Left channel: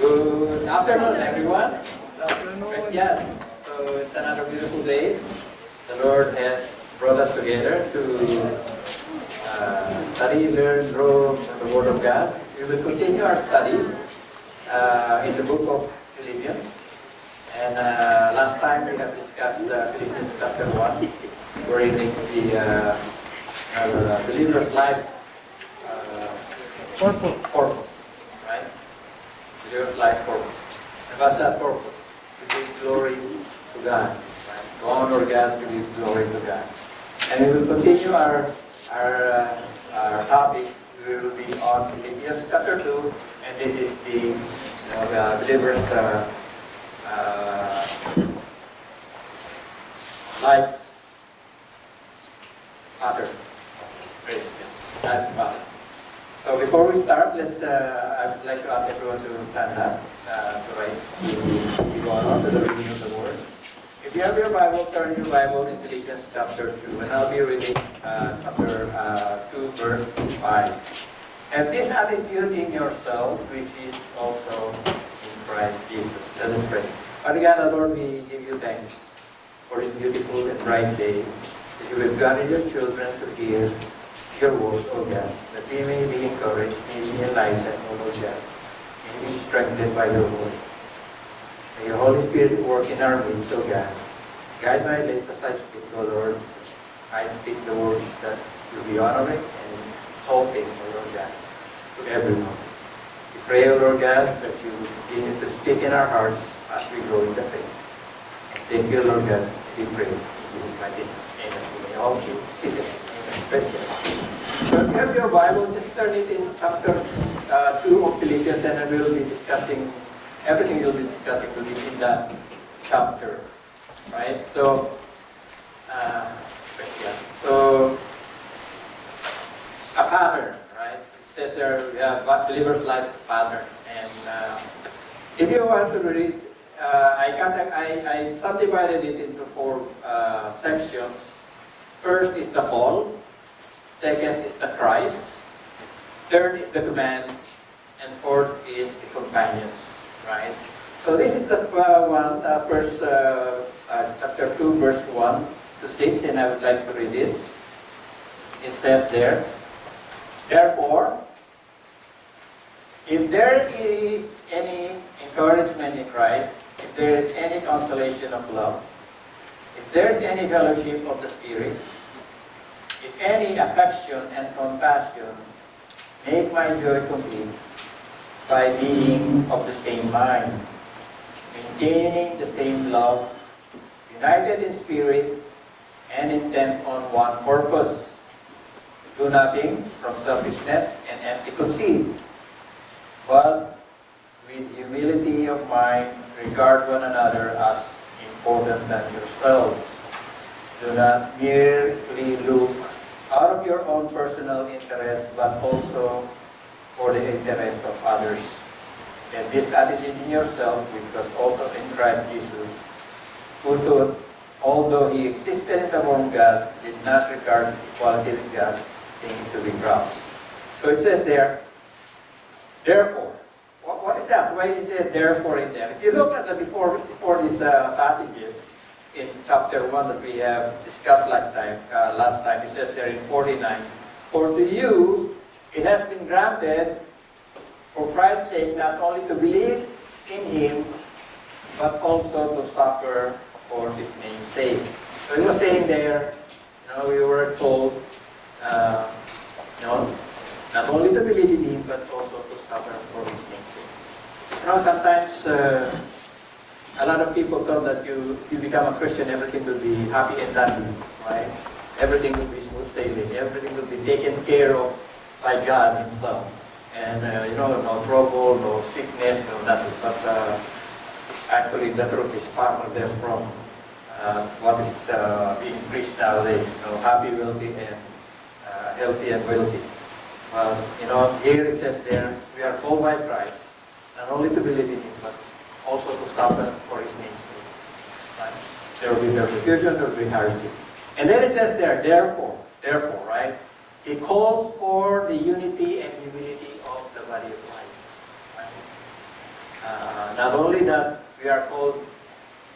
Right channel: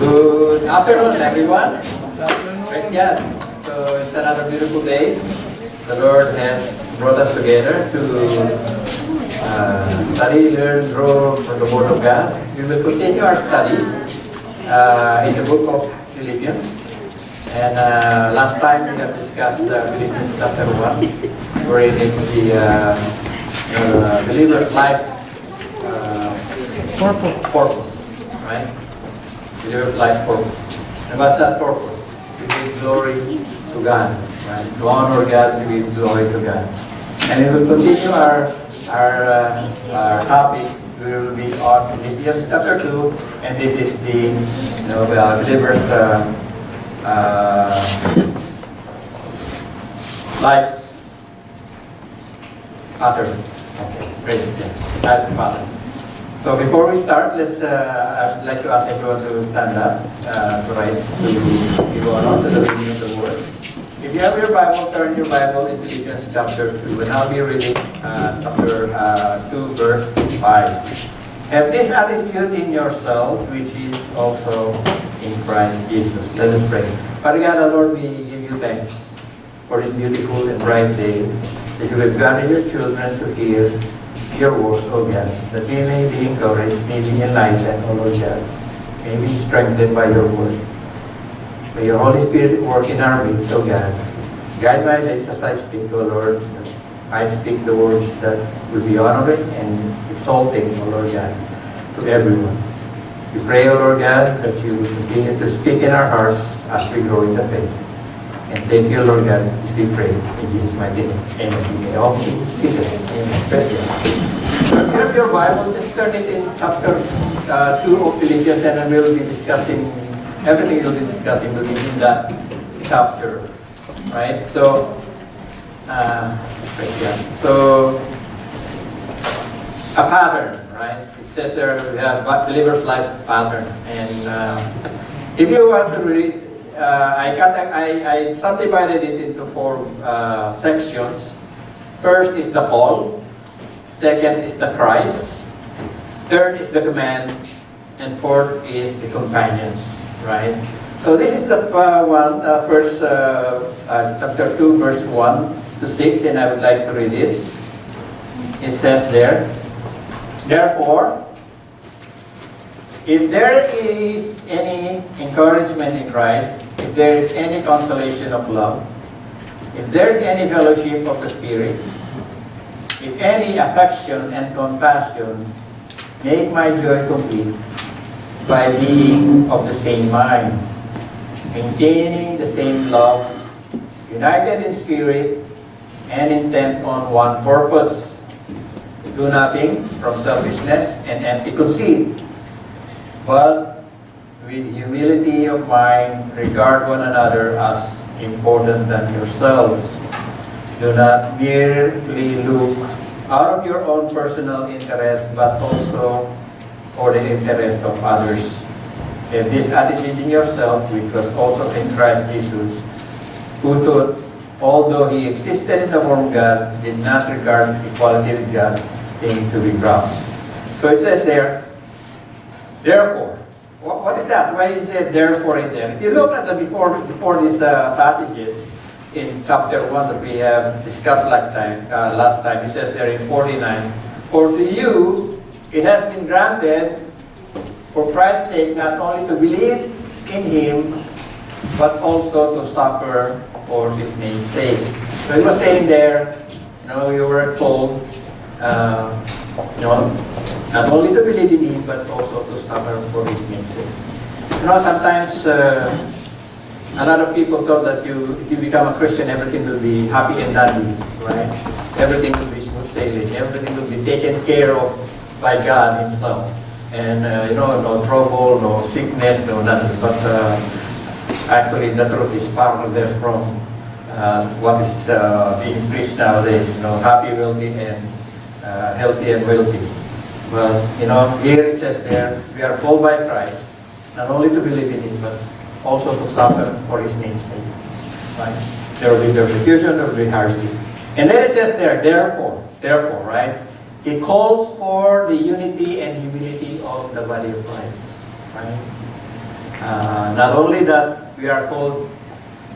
Good afternoon, everyone. Praise God. So it's another beautiful day. The Lord has brought us together to study, learn, grow from the Word of God. We will continue our study in the book of Philippians. And last time we have discussed Philippians chapter 1, wherein it's the believer's life purpose, right? Believer's life purpose. And what's that purpose? To give glory to God, right? To honor God, to give glory to God. And we will continue our topic. We will be on Philippians chapter 2, and this is the believer's life's pattern. Okay, praise God. Life's pattern. So before we start, I'd like to ask everyone to stand up, to rise, to give honor to the reading of the Word. If you have your Bible, turn your Bible in Philippians chapter 2, and I'll be reading chapter 2, verse 5. Have this attitude in yourself, which is also in Christ Jesus. Let us pray. Father God, Lord, we give you thanks for this beautiful and bright day that you have gathered your children to hear your word, O God, that we may be encouraged, may be enlightened, O Lord God, may be strengthened by your word. May your Holy Spirit work in our midst, O God. Guide my lips as I speak, O Lord. I speak the words that will be honoring and exalting, O Lord God, to everyone. We pray, O Lord God, that you will continue to speak in our hearts as we grow in the faith. And thank you, Lord God, as we pray in Jesus' mighty name. Amen. You may all be seated. Amen. Thank you. So if you have your Bible, just turn it in chapter 2 of Philippians, and then we'll be discussing, everything we'll be discussing will be in that chapter. Right? So, So, a pattern, right? It says there we have believer's life pattern. And if you want to read, I subdivided it into 4 sections. First is the call. Second is the Christ. Third is the command. And fourth is the companions, right? So this is the first chapter 2, verse 1 to 6, and I would like to read it. It says there, therefore, if there is any encouragement in Christ, if there is any consolation of love, if there is any fellowship of the Spirit, if any affection and compassion, make my joy complete by being of the same mind, maintaining the same love, united in spirit, and intent on one purpose. Do nothing from selfishness and empty conceit, but with humility of mind, regard one another as important than yourselves. Do not merely look out of your own personal interest, but also for the interest of others. And this attitude in yourself, which was also in Christ Jesus, who thought, although he existed in the form of God, did not regard equality with God thing to be grasped. So it says there, therefore. What is that? Why is it therefore in there? If you look at the before these passages in chapter 1 that we have discussed last time, it says there in 49, for to you it has been granted for Christ's sake not only to believe in him, but also to suffer for his name's sake. So he was saying there, we were told, not only to believe in him, but also to suffer for his name's sake. Sometimes a lot of people thought that if you become a Christian, everything will be happy and dandy, right? Everything will be smooth sailing. Everything will be taken care of by God himself. And, no trouble, no sickness, no nothing. But actually, the truth is far from what is being preached nowadays. Happy, wealthy, and healthy and wealthy. Well, here it says there, we are called by Christ, not only to believe in him, but also to suffer for his name's sake. Right? There will be persecution, there will be hardship. And then it says there, therefore, right? It calls for the unity and humility of the body of Christ. Right? Not only that we are called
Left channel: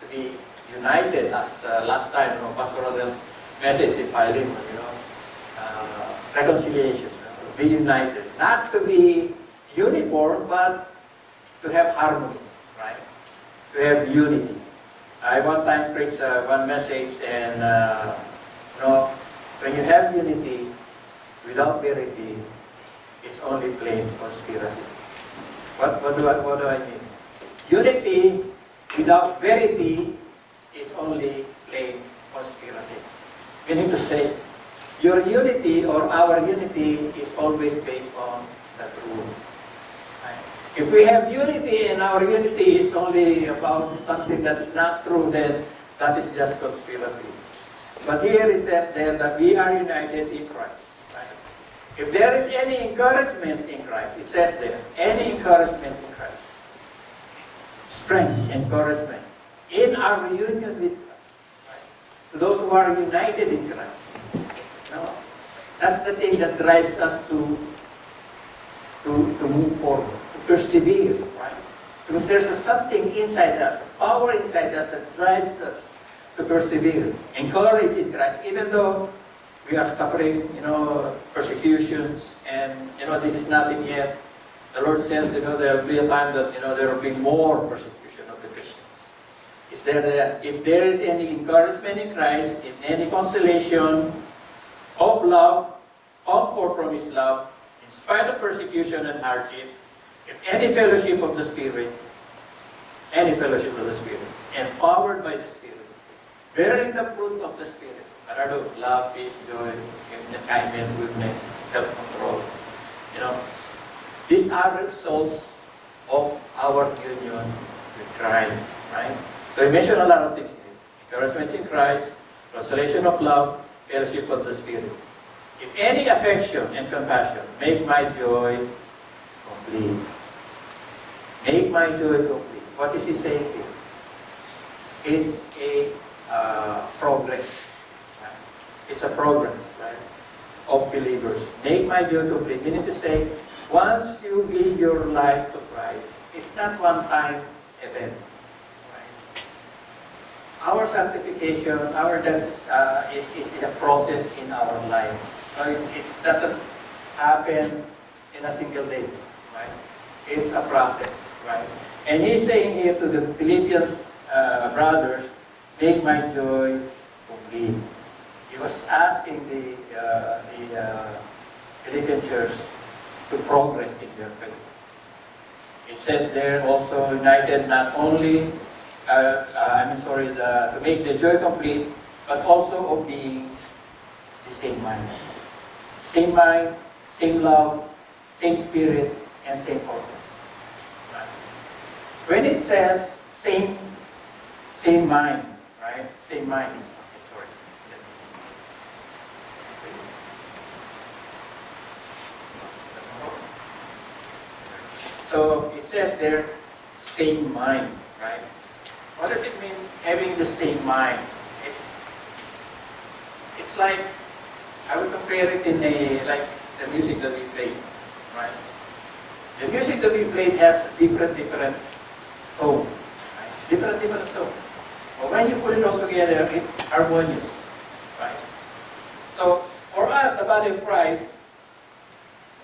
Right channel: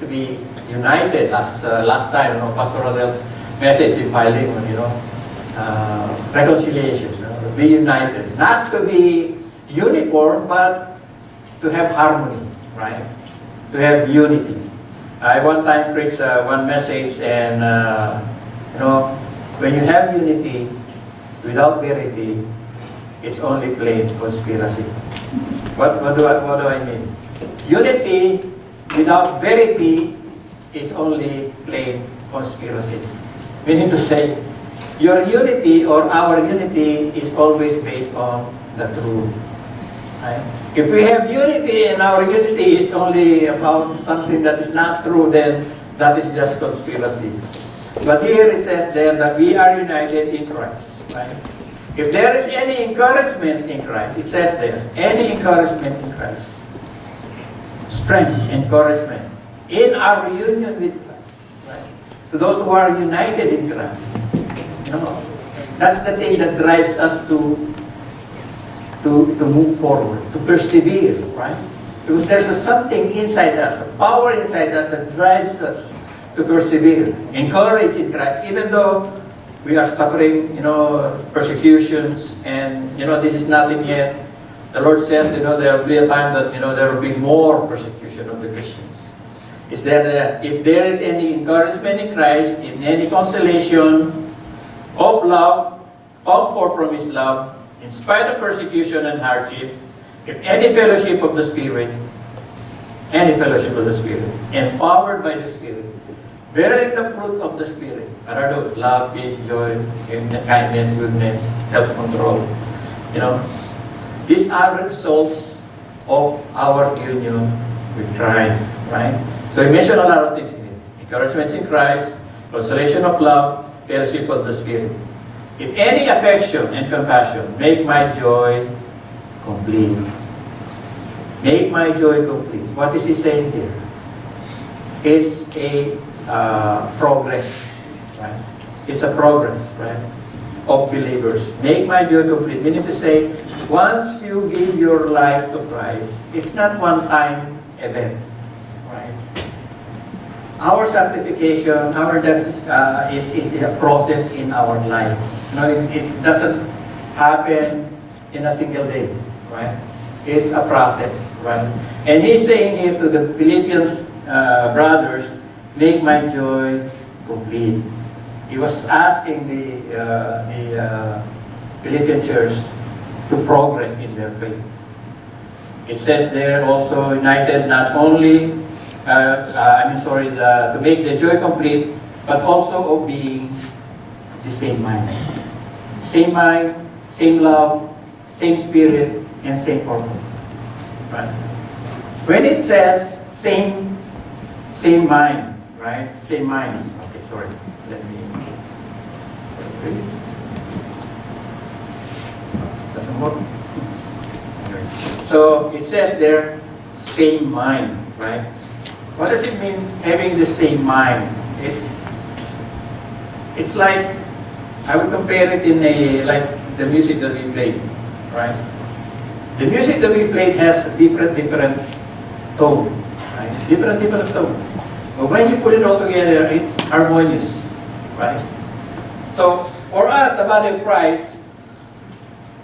to be united, as last time, Pastor Rodel's message in Philemon, reconciliation, be united, not to be uniform, but to have harmony, right? To have unity. I one time preached one message, and when you have unity without verity, it's only plain conspiracy. What do I mean? Unity without verity is only plain conspiracy. Meaning to say, your unity or our unity is always based on the truth. Right? If we have unity and our unity is only about something that is not true, then that is just conspiracy. But here it says there that we are united in Christ. Right? If there is any encouragement in Christ, it says there, any encouragement in Christ, strength, encouragement, in our union with Christ. Right? To those who are united in Christ. That's the thing that drives us to move forward, to persevere, right? Because there's something inside us, a power inside us that drives us to persevere, encourage in Christ, even though we are suffering, persecutions, and, this is nothing yet. The Lord says, there will be a time that, there will be more persecution of the Christians. Is that if there is any encouragement in Christ, in any consolation of love, comfort from His love, in spite of persecution and hardship, if any fellowship of the Spirit, empowered by the Spirit, bearing the fruit of the Spirit, what are those? Love, peace, joy, kindness, goodness, self-control. These are results of our union with Christ, right? So he mentioned a lot of things in it. Encouragements in Christ, consolation of love, fellowship of the Spirit. If any affection and compassion, make my joy complete. Make my joy complete. What is he saying here? It's a progress, right? It's a progress, right, of believers. Make my joy complete. Meaning to say, once you give your life to Christ, it's not one-time event, right? Our sanctification, our death is a process in our life. It doesn't happen in a single day, right? It's a process, right? And he's saying here to the Philippians brothers, make my joy complete. He was asking the Philippian church to progress in their faith. It says there also, united not only, to make the joy complete, but also of being the same mind. Same mind, same love, same spirit, and same purpose. Right? When it says same mind, right? Same mind. Okay, sorry. Let me. Doesn't work. So it says there, same mind, right? What does it mean having the same mind? It's like, I would compare it like the music that we play, right? The music that we play has different tone, right? Different tone. But when you put it all together, it's harmonious, right? So for us, the body of Christ,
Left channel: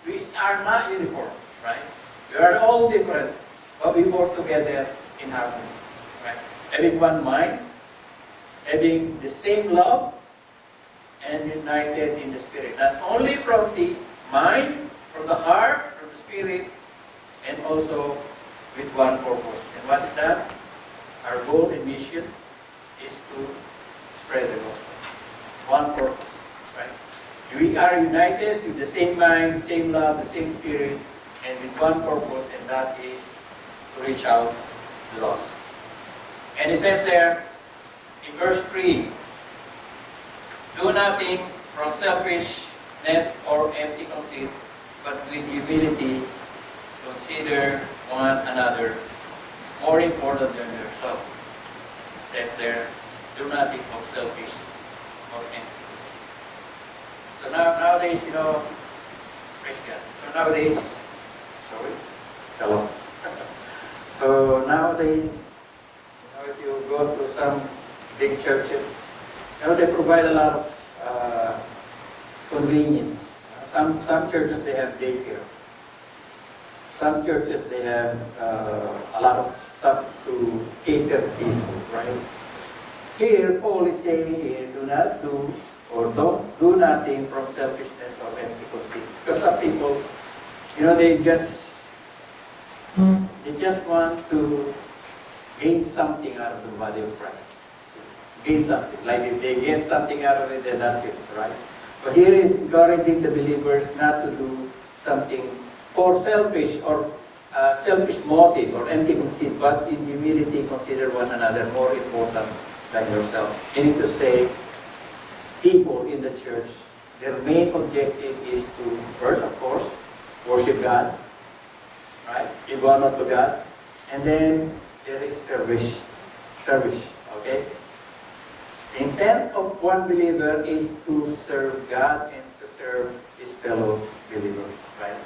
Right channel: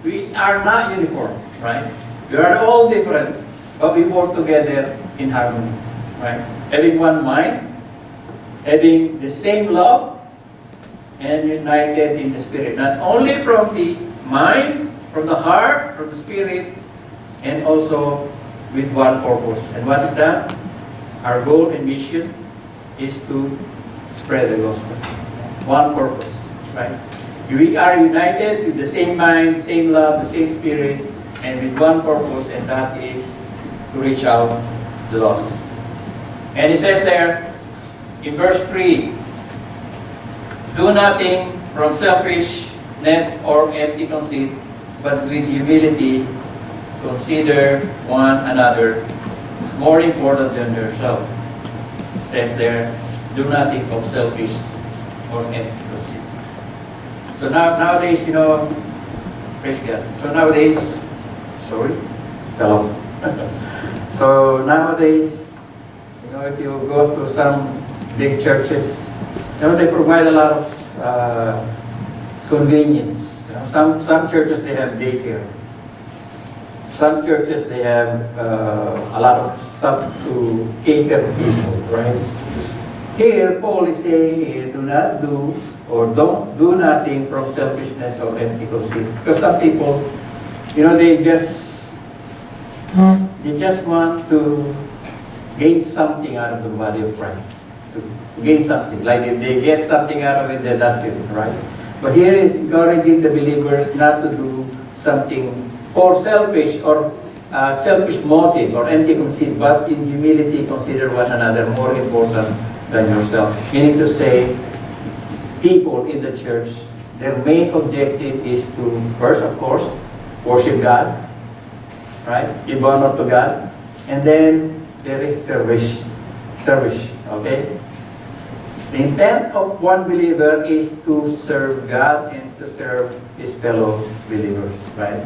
we are not uniform, right? We are all different, but we work together in harmony, right? Having one mind, having the same love, and united in the Spirit. Not only from the mind, from the heart, from the Spirit, and also with one purpose. And what is that? Our goal and mission is to spread the gospel. One purpose, right? We are united with the same mind, same love, the same Spirit, and with one purpose, and that is to reach out the lost. And it says there, in verse 3, do nothing from selfishness or empty conceit, but with humility consider one another as more important than yourself. It says there, do nothing from selfish or empty conceit. So nowadays, praise God. So nowadays, sorry, fell off. So nowadays, if you go to some big churches, they provide a lot of convenience. Some churches, they have daycare. Some churches, they have a lot of stuff to cater people, right? Here, Paul is saying, do not do or don't do nothing from selfishness or empty conceit. Because some people, they just want to gain something out of the body of Christ. To gain something. Like if they get something out of it, then that's it, right? But here is encouraging the believers not to do something for selfish or selfish motive or empty conceit, but in humility consider one another more important than yourself. Meaning to say, people in the church, their main objective is to, first, of course, worship God, right? Give honor to God. And then there is service, okay? The intent of one believer is to serve God and to serve his fellow believers, right?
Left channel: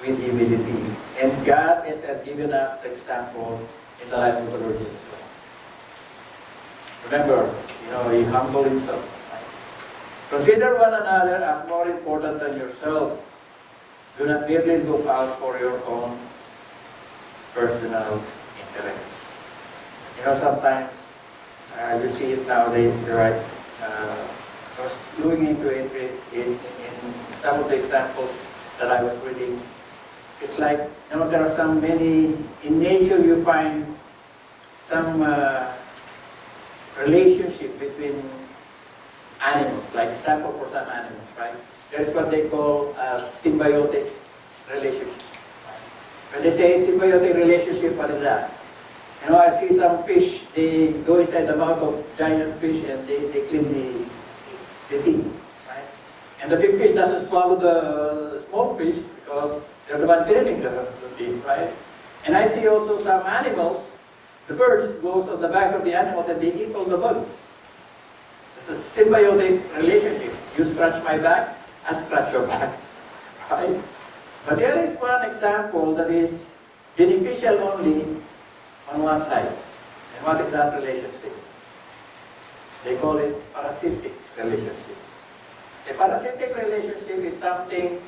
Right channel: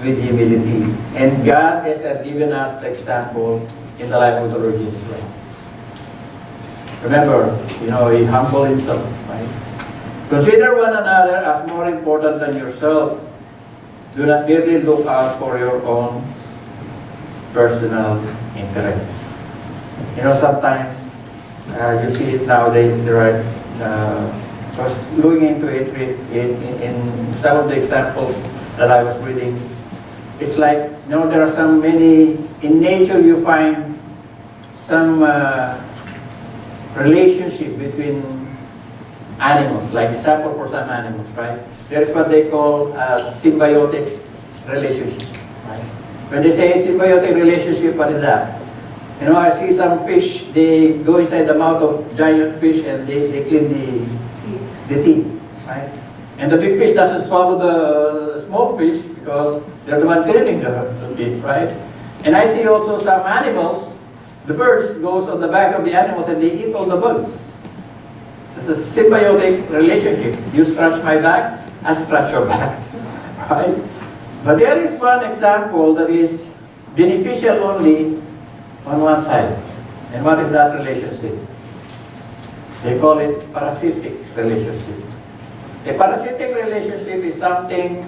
With humility. And God has given us the example in the life of the Lord Jesus Christ. Remember, he humbled himself, right? Consider one another as more important than yourself. Do not merely look out for your own personal interest. Sometimes you see it nowadays, right? I was looking into it in some of the examples that I was reading. It's like, there are so many, in nature you find some relationship between animals, like example for some animals, right? There's what they call a symbiotic relationship, right? When they say symbiotic relationship, what is that? I see some fish, they go inside the mouth of giant fish and they clean the teeth, right? And the big fish doesn't swallow the small fish because they're the one cleaning the teeth, right? And I see also some animals, the birds goes on the back of the animals and they eat all the bugs. It's a symbiotic relationship. You scratch my back, I scratch your back, right? But there is one example that is beneficial only on one side. And what is that relationship? They call it parasitic relationship. A parasitic relationship is something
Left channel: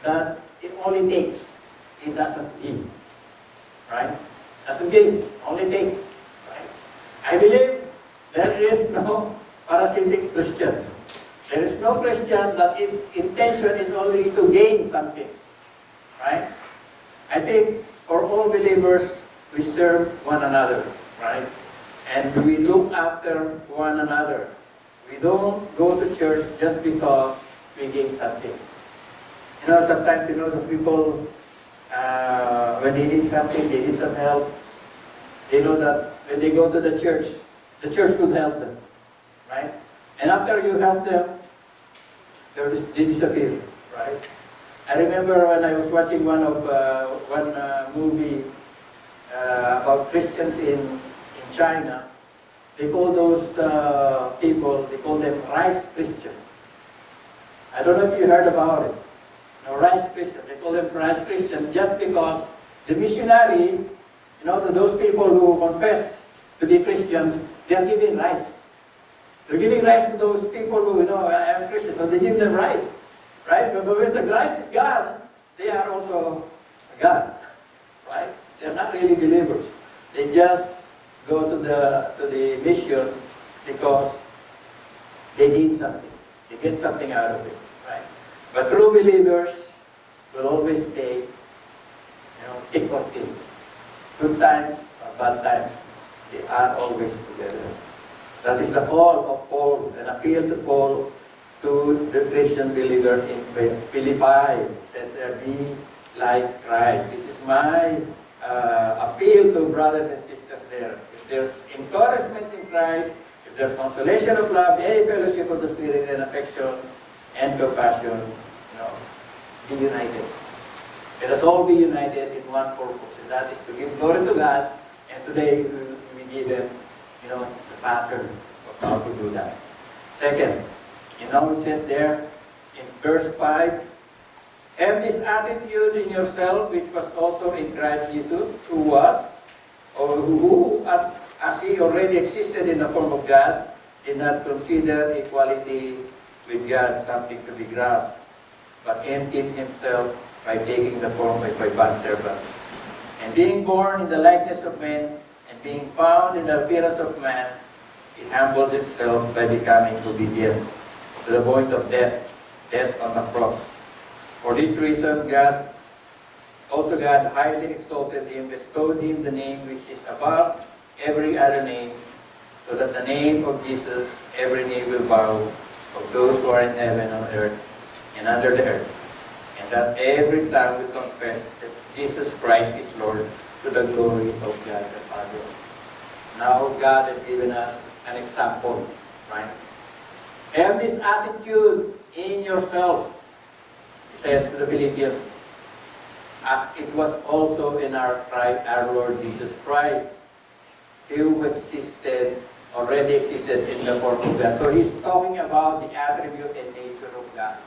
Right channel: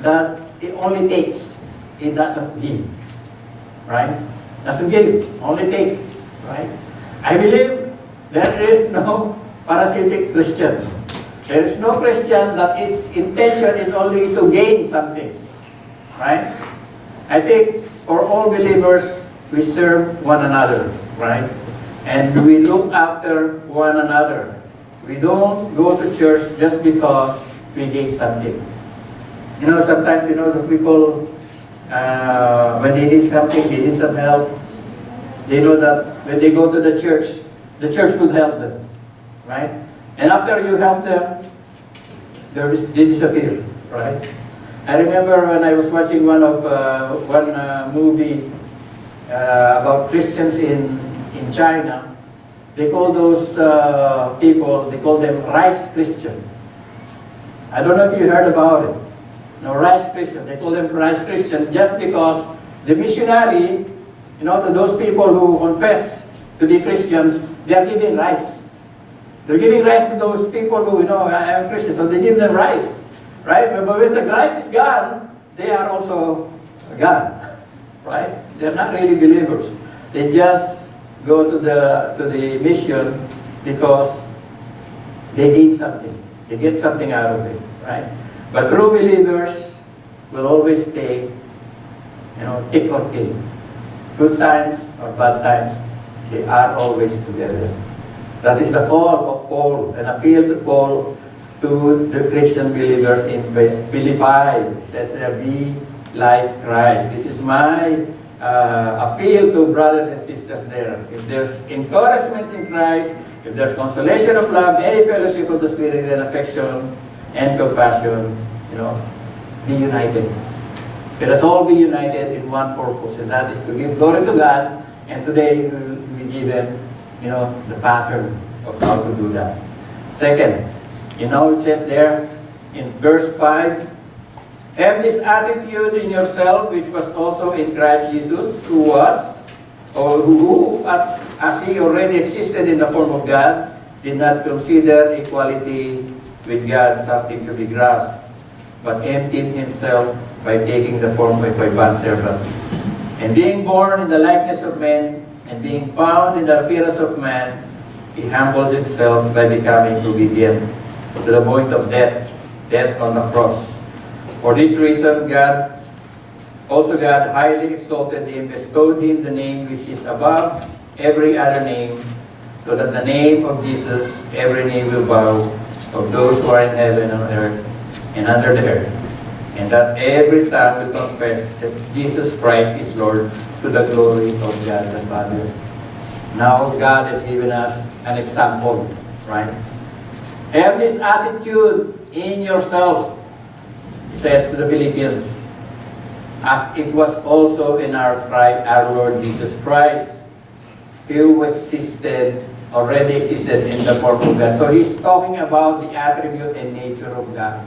that it only takes, it doesn't give, right? Doesn't give, only take, right? I believe there is no parasitic Christian. There is no Christian that its intention is only to gain something, right? I think for all believers, we serve one another, right? And we look after one another. We don't go to church just because we gain something. Sometimes, the people, when they need something, they need some help, they know that when they go to the church will help them, right? And after you help them, they disappear, right? I remember when I was watching one movie about Christians in China. They call those people, they call them rice Christian. I don't know if you heard about it. No, rice Christian. They call them rice Christian just because the missionary, to those people who confess to be Christians, they are giving rice. They're giving rice to those people who, I am Christian, so they give them rice, right? But when the rice is gone, they are also gone, right? They're not really believers. They just go to the mission because they gain something. They get something out of it, right? But true believers will always stay, thick or thin. Good times or bad times, they are always together. That is the call of Paul, an appeal to Paul to the Christian believers in Philippi. It says there, be like Christ. This is my appeal to brothers and sisters there. If there's encouragement in Christ, if there's consolation of love, any fellowship of the Spirit and affection and compassion, be united. Let us all be united in one purpose, and that is to give glory to God. And today we will be given, the pattern of how to do that. Second, it says there in verse 5, have this attitude in yourself, which was also in Christ Jesus, who was or who, as he already existed in the form of God, did not consider equality with God something to be grasped, but emptied himself by taking the form of a bondservant. And being born in the likeness of men, and being found in the appearance of man, he humbled himself by becoming obedient to the point of death, death on the cross. For this reason, God highly exalted him, bestowed him the name which is above every other name, so that the name of Jesus every knee will bow, of those who are in heaven and on earth and under the earth, and that every tongue will confess that Jesus Christ is Lord, to the glory of God the Father. Now God has given us an example, right? Have this attitude in yourselves, he says to the Philippians, as it was also in our Lord Jesus Christ, who already existed in the form of God. So he's talking about the attribute and nature of God,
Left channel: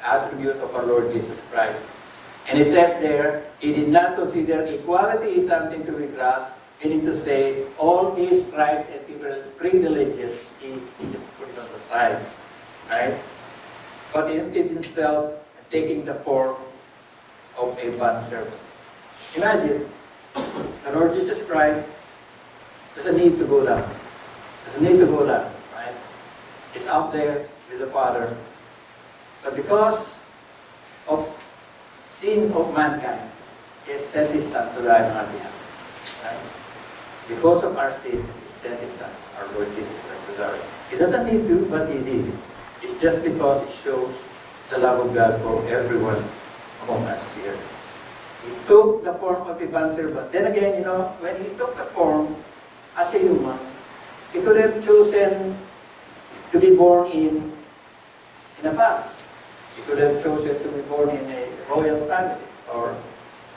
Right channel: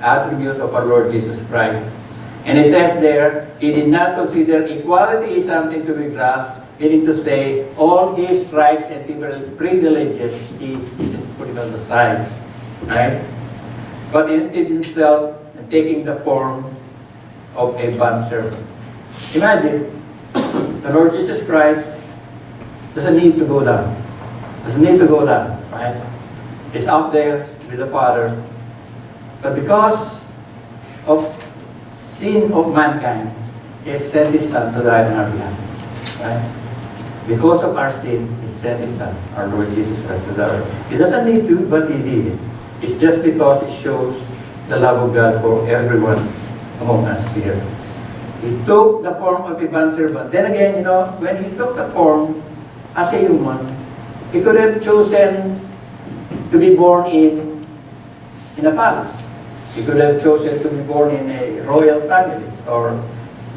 attribute of our Lord Jesus Christ. And he says there, he did not consider equality as something to be grasped, meaning to say all his rights and privileges, he just put it on the side, right? But he emptied himself and taking the form of a bondservant. Imagine, the Lord Jesus Christ doesn't need to go down. Doesn't need to go down, right? He's up there with the Father. But because of sin of mankind, he has sent his Son to die on our behalf, right? Because of our sin, he sent his Son, our Lord Jesus Christ, to die. He doesn't need to, but he did it. It's just because it shows the love of God for everyone among us here. He took the form of a bondservant. Then again, when he took the form as a human, he could have chosen to be born in a palace. He could have chosen to be born in a royal family or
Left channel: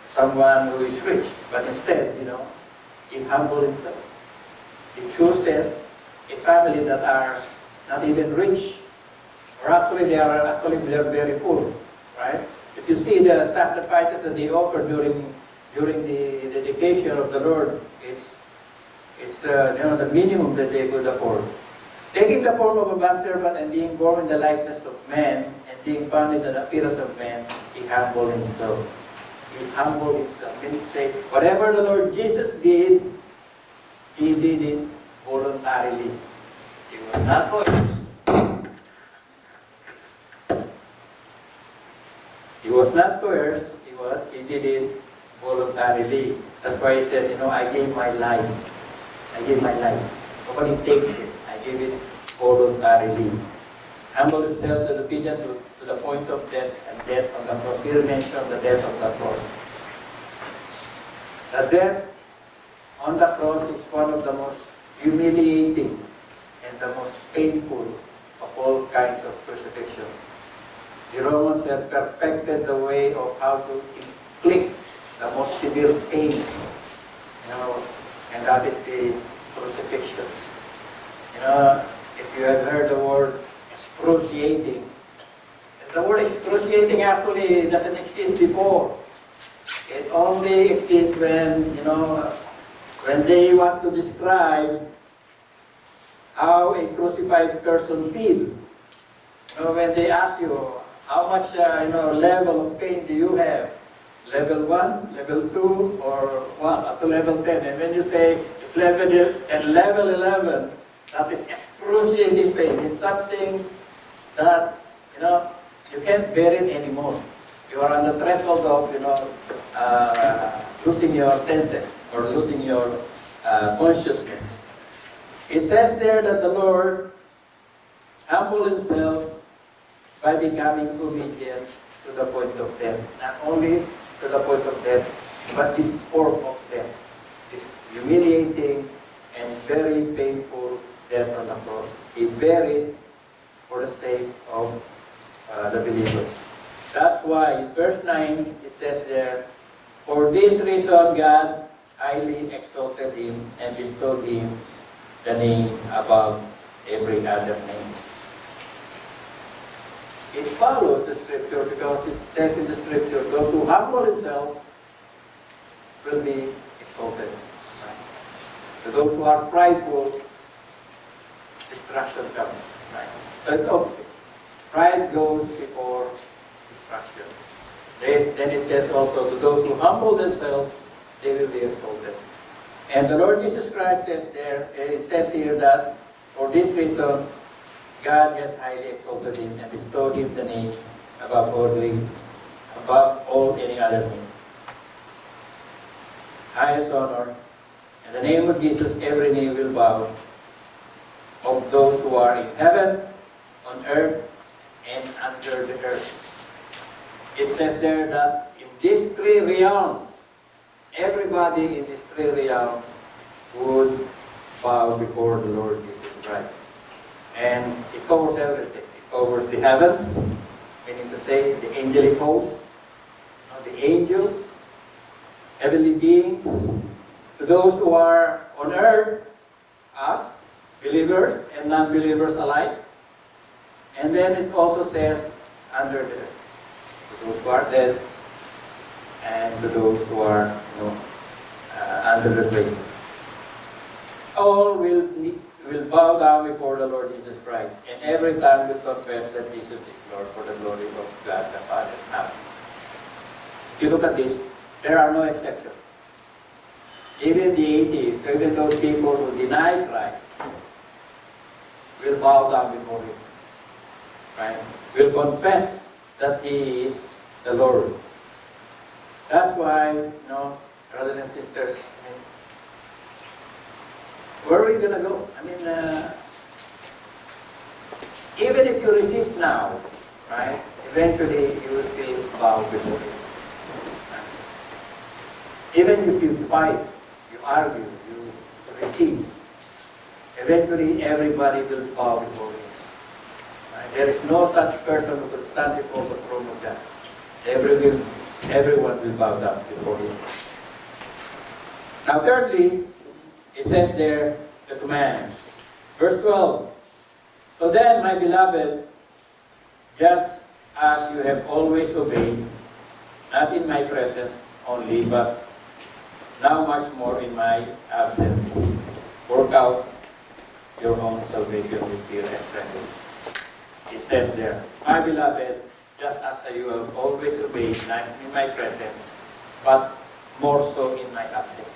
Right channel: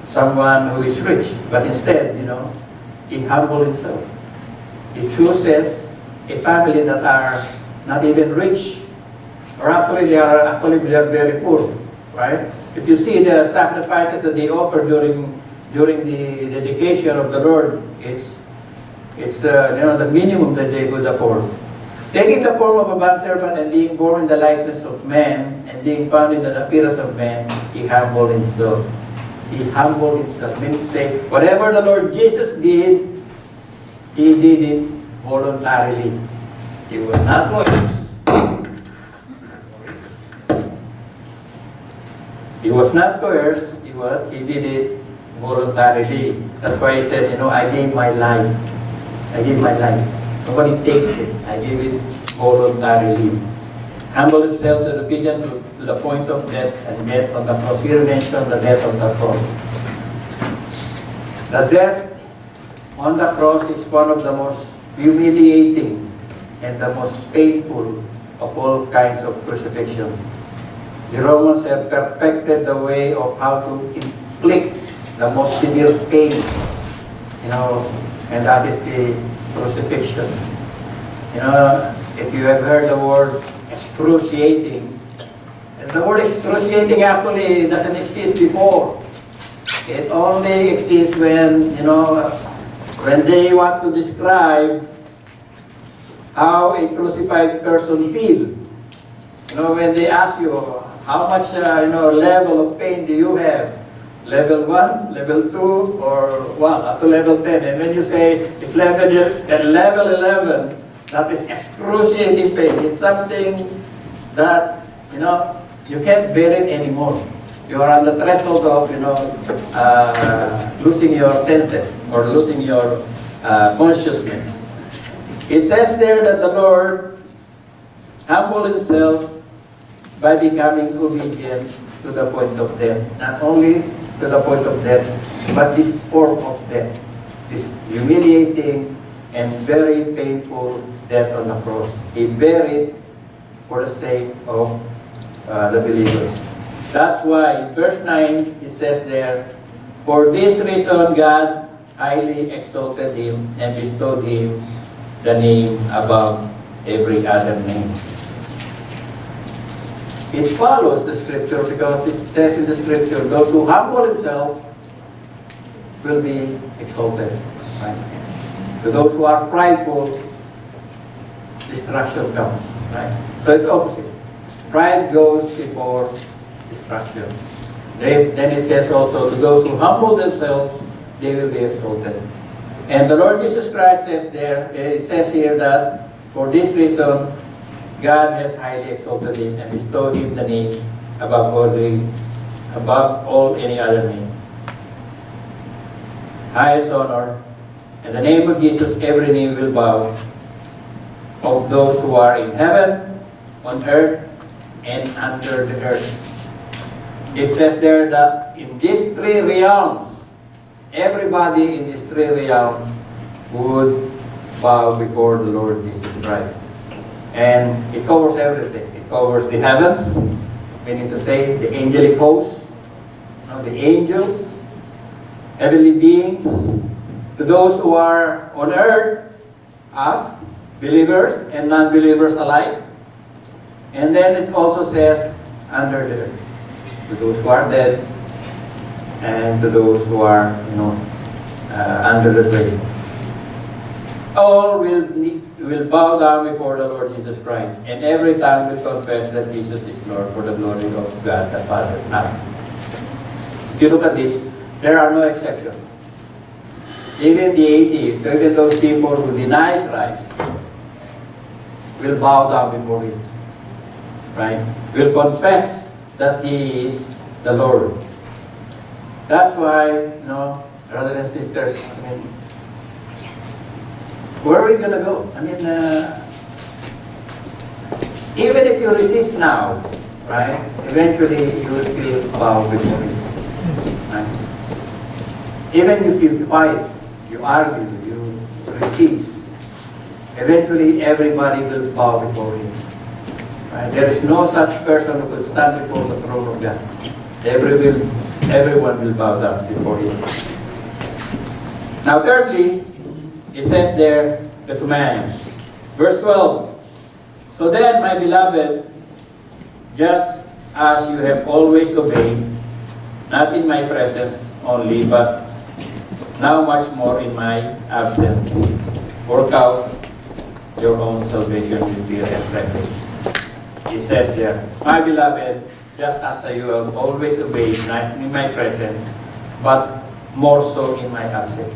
someone who is rich. But instead, he humbled himself. He chooses a family that are not even rich, or actually they are very poor, right? If you see the sacrifices that they offer during the dedication of the Lord, it's the minimum that they could afford. Taking the form of a bondservant and being born in the likeness of man and being found in the appearance of man, he humbled himself. He humbled himself. Meaning to say, whatever the Lord Jesus did, he did it voluntarily. He was not coerced. He was not coerced. He did it voluntarily. That's why he says, I gave my life. I give my life. Nobody takes it. I give it voluntarily. Humble himself to the obedient to the point of death and death on the cross. Here mentioned the death on the cross. The death on the cross is one of the most humiliating and the most painful of all kinds of crucifixion. The Romans have perfected the way of how to inflict the most severe pain, and that is the crucifixion. If you have heard the word excruciating, and the word excruciating actually doesn't exist before. It only exists when they want to describe how a crucified person feels. When they ask you, how much level of pain do you have? Level 1, level 2, or up to level 10. And when you say it's level 11, that is excruciating pain. It's something that, you can't bear it anymore. You are on the threshold of, losing your senses or losing your consciousness. It says there that the Lord humbled himself by becoming obedient to the point of death. Not only to the point of death, but this form of death, this humiliating and very painful death on the cross. He bare it for the sake of the believers. That's why in verse 9, it says there, for this reason God highly exalted him and bestowed him the name above every other name. It follows the scripture because it says in the scripture, those who humble himself will be exalted. Right? To those who are prideful, destruction comes. Right? So it's opposite. Pride goes before destruction. Then it says also, to those who humble themselves, they will be exalted. And the Lord Jesus Christ says there, it says here that for this reason, God has highly exalted him and bestowed him the name above all any other name. Highest honor. In the name of Jesus, every knee will bow, of those who are in heaven, on earth, and under the earth. It says there that in these three realms, everybody in these three realms would bow before the Lord Jesus Christ. And it covers everything. It covers the heavens, meaning to say the angelic hosts, the angels, heavenly beings, to those who are on earth, us, believers and non-believers alike. And then it also says under the earth, to those who are dead and to those who are under the grave. All will bow down before the Lord Jesus Christ, and every tongue will confess that Jesus is Lord, for the glory of God the Father. Now, if you look at this, there are no exceptions. Even the atheists, even those people who deny Christ, will bow down before him. Right? Will confess that he is the Lord. That's why, brothers and sisters, where are we going to go? Even if you resist now, right, eventually you will still bow before him. Right? Even if you fight, you argue, you resist, eventually everybody will bow before him. Right? There is no such person who will stand before the throne of God. Everyone will bow down before him. Now thirdly, it says there, the command. Verse 12. So then, my beloved, just as you have always obeyed, not in my presence only, but now much more in my absence, work out your own salvation with fear and trembling. It says there, my beloved, just as you have always obeyed, not in my presence, but more so in my absence.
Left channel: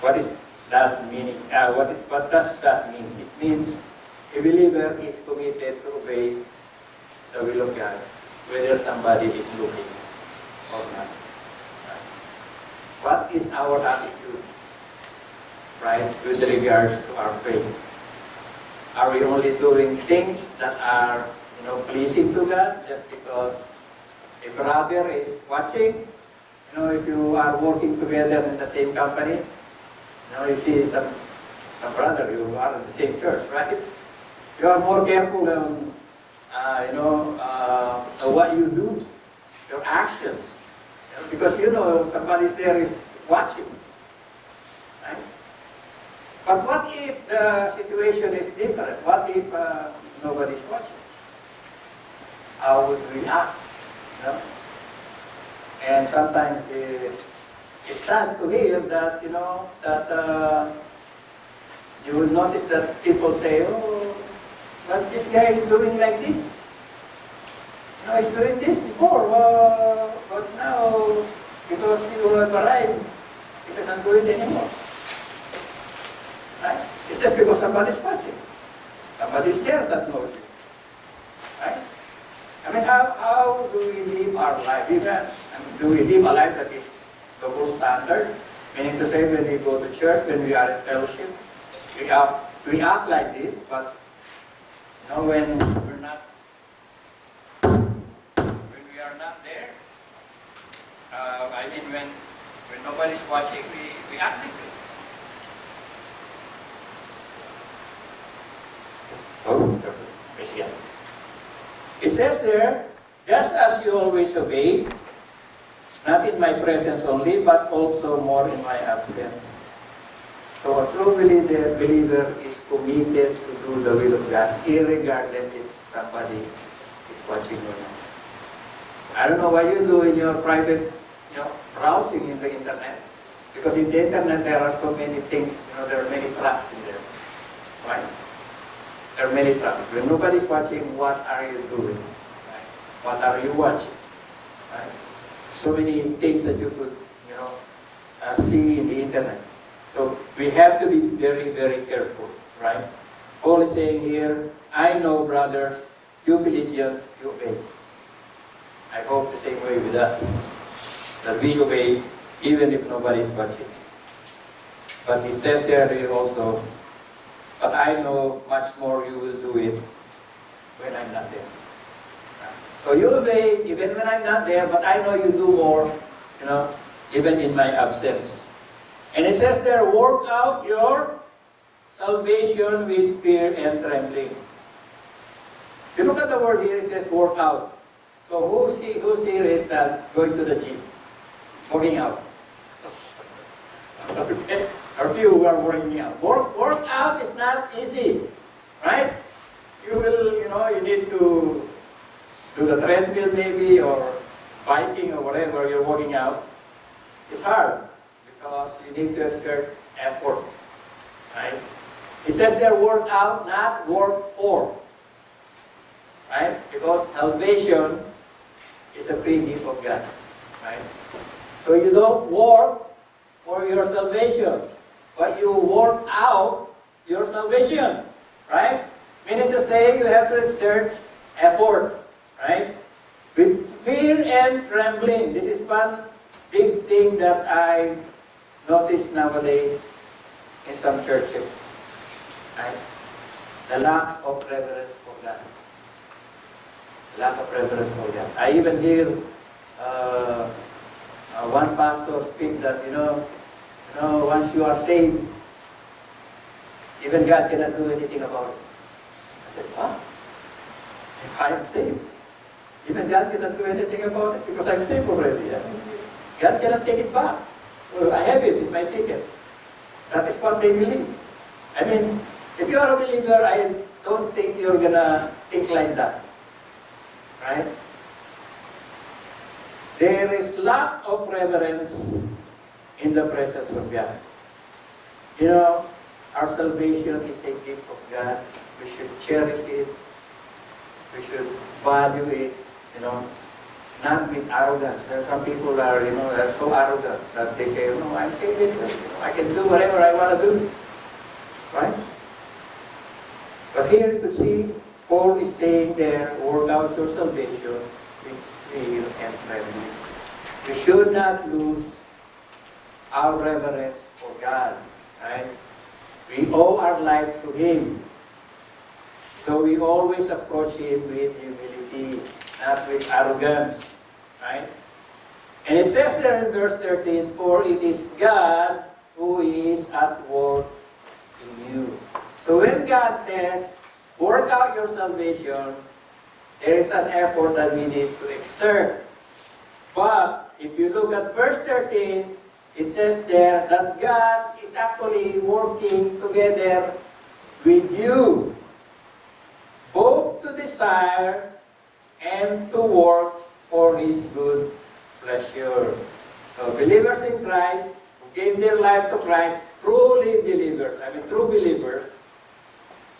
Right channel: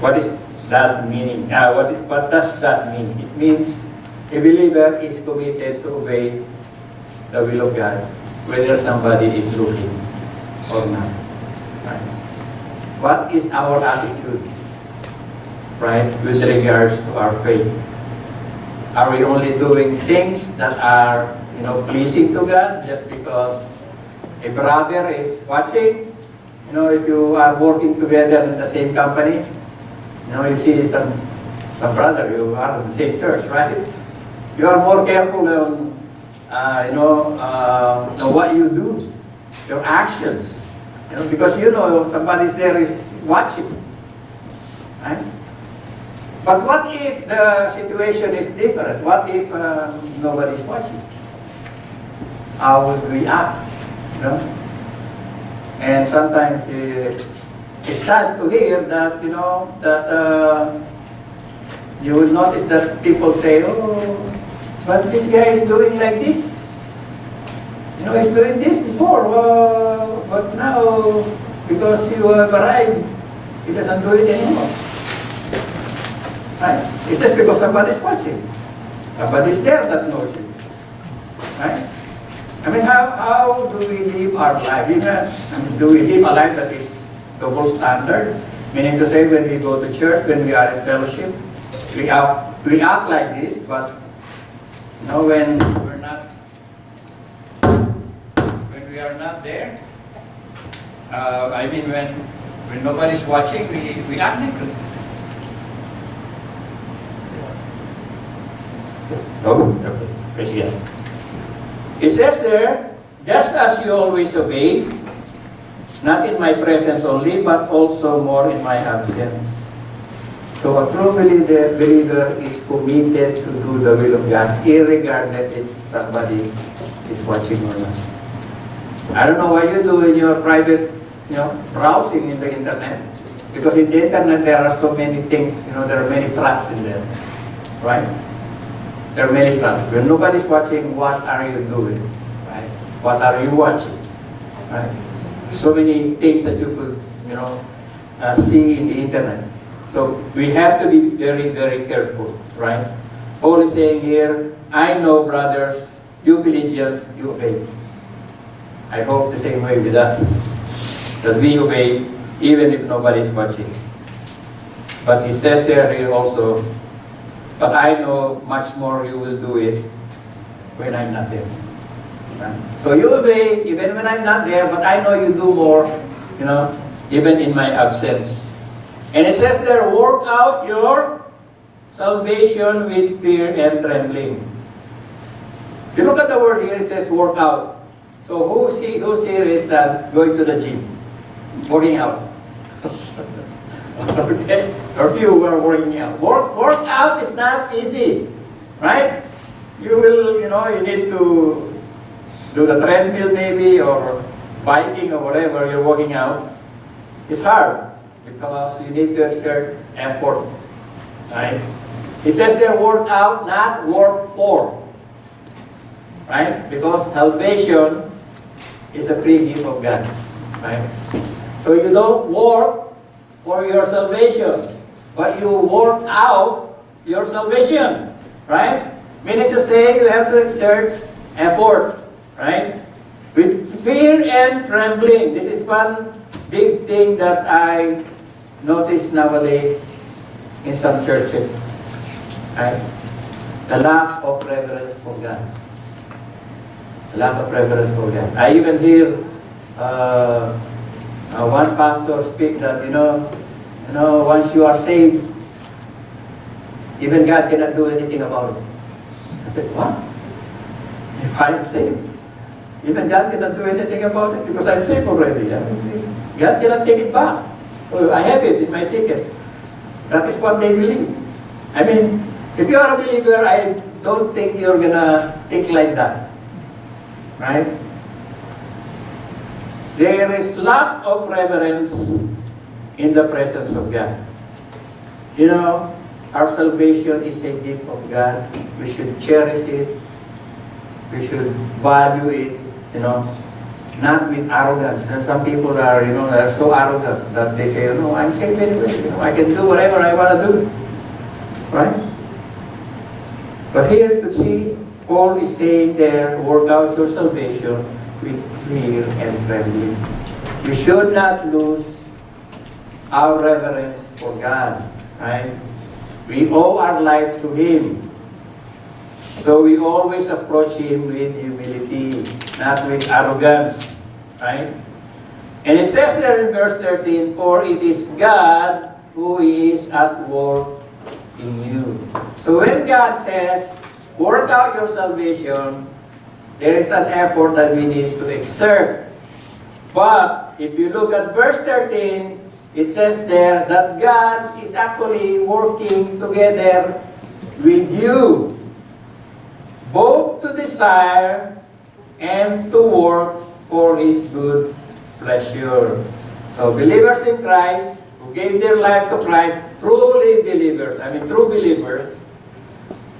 What is that meaning? What does that mean? It means a believer is committed to obey the will of God, whether somebody is looking or not. Right? What is our attitude, right, with regards to our faith? Are we only doing things that are, pleasing to God just because a brother is watching? If you are working together in the same company, you see some brother, you are in the same church, right? You are more careful on, what you do, your actions, because somebody's there is watching, right? But what if the situation is different? What if nobody's watching? How would we act? And sometimes it's sad to hear that, you would notice that people say, oh, but this guy is doing like this. He's doing this before, but now, because you have arrived, he doesn't do it anymore. Right? It's just because somebody's watching. Somebody's there that knows it. Right? How do we live our life? Do we live a life that is double standard? Meaning to say, when we go to church, when we are in fellowship, we act like this, but when we're not, when we are not there, when nobody's watching, we act differently. Okay. It says there, just as you always obey, not in my presence only, but also more in my absence. So a true believer is committed to do the will of God, irregardless if somebody is watching or not. I don't know what you do in your private browsing in the internet. Because in the internet, there are so many things, there are many traps in there, right? There are many traps. When nobody's watching, what are you doing, right? What are you watching, right? So many things that you could, see in the internet. So we have to be very, very careful, right? Paul is saying here, I know, brothers, you Philippians, you obey. I hope the same way with us, that we obey even if nobody is watching. But he says here also, but I know much more you will do it when I'm not there. Right? So you obey even when I'm not there, but I know you do more, even in my absence. And it says there, work out your salvation with fear and trembling. If you look at the word here, it says work out. So who's here is going to the gym, working out? Okay? Or few who are working out. Work out is not easy, right? You will, you need to do the treadmill maybe, or biking or whatever you're working out. It's hard because you need to exert effort, right? It says there, work out, not work for, right? Because salvation is a free gift of God, right? So you don't work for your salvation, but you work out your salvation, right? Meaning to say, you have to exert effort, right? With fear and trembling. This is one big thing that I notice nowadays in some churches, right? The lack of reverence for God. The lack of reverence for God. I even hear one pastor speak that, once you are saved, even God cannot do anything about it. I said, what? If I'm saved, even God cannot do anything about it because I'm saved already. God cannot take it back. So I have it in my ticket. That is what they believe. I mean, if you are a believer, I don't think you're going to think like that. Right? There is lack of reverence in the presence of God. Our salvation is a gift of God. We should cherish it. We should value it, not with arrogance. There are some people that are so arrogant that they say, no, I'm saved anyway. I can do whatever I want to do. Right? But here you could see, Paul is saying there, work out your salvation with fear and trembling. We should not lose our reverence for God. Right? We owe our life to Him. So we always approach Him with humility, not with arrogance. Right? And it says there in verse 13, for it is God who is at work in you. So when God says, work out your salvation, there is an effort that we need to exert. But if you look at verse 13, it says there that God is actually working together with you, both to desire and to work for His good pleasure. So believers in Christ, who gave their life to Christ, true believers,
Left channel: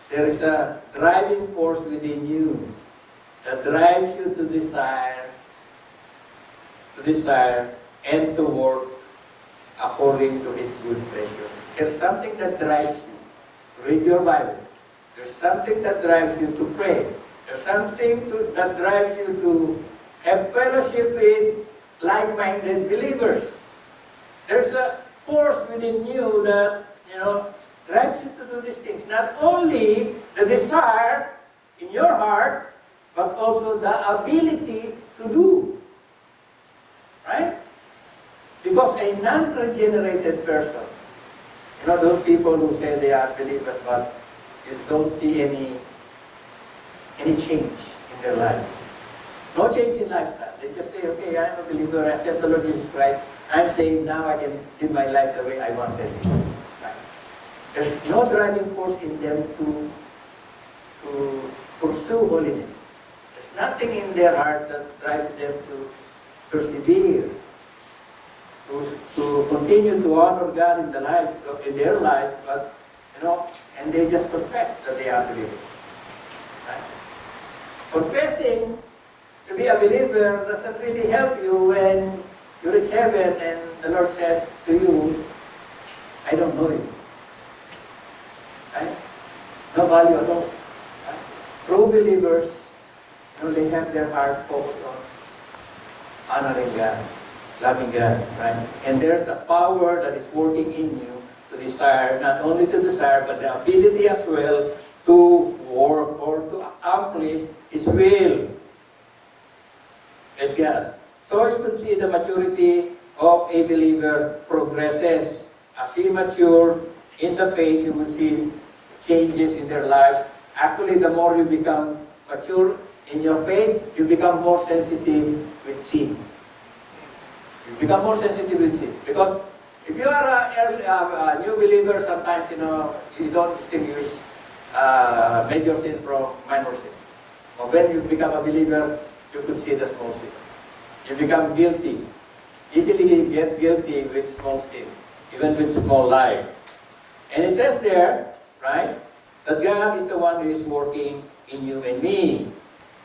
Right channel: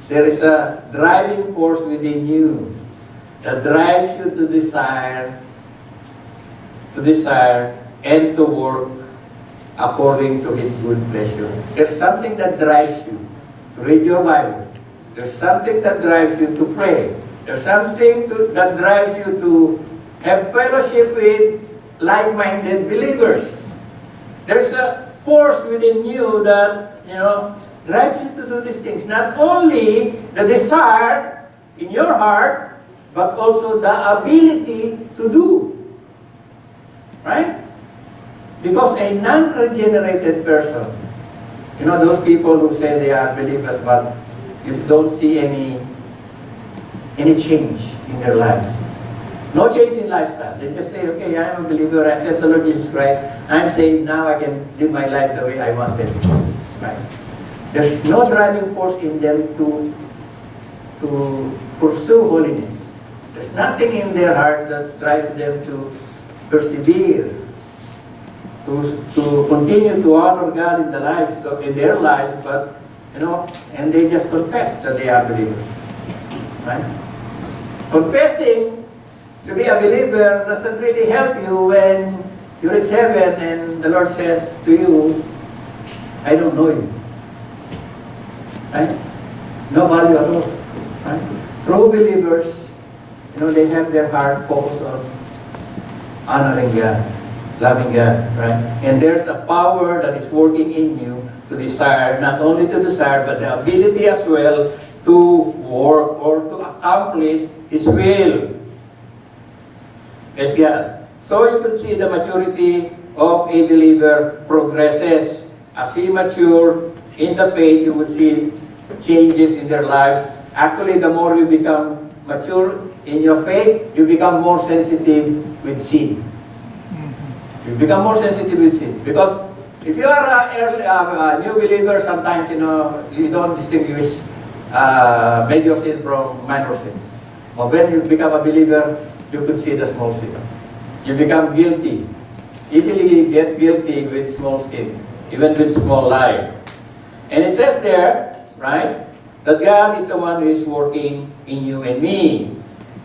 there is a driving force within you that drives you to desire and to work according to His good pleasure. There's something that drives you to read your Bible. There's something that drives you to pray. There's something that drives you to have fellowship with like-minded believers. There's a force within you that, drives you to do these things. Not only the desire in your heart, but also the ability to do. Right? Because a non-regenerated person, those people who say they are believers, but you don't see any change in their lives. No change in lifestyle. They just say, okay, I'm a believer, I accept the Lord Jesus Christ, I'm saved, now I can live my life the way I wanted. Right? There's no driving force in them to pursue holiness. There's nothing in their heart that drives them to persevere to continue to honor God in the lives, in their lives, but, and they just confess that they are believers. Right? Confessing to be a believer doesn't really help you when you reach heaven and the Lord says to you, I don't know you. Right? No value at all. Right? True believers, they have their heart focused on honoring God, loving God, right? And there's a power that is working in you to desire, not only to desire, but the ability as well to work or to accomplish His will. Praise God. So you can see the maturity of a believer progresses. As he matures in the faith, you will see changes in their lives. Actually, the more you become mature in your faith, you become more sensitive with sin. You become more sensitive with sin. Because if you are a new believer, sometimes, you don't distinguish major sin from minor sins. But when you become a believer, you could see the small sin. You become guilty. Easily get guilty with small sin, even with small lie. And it says there, right, that God is the one who is working in you and me.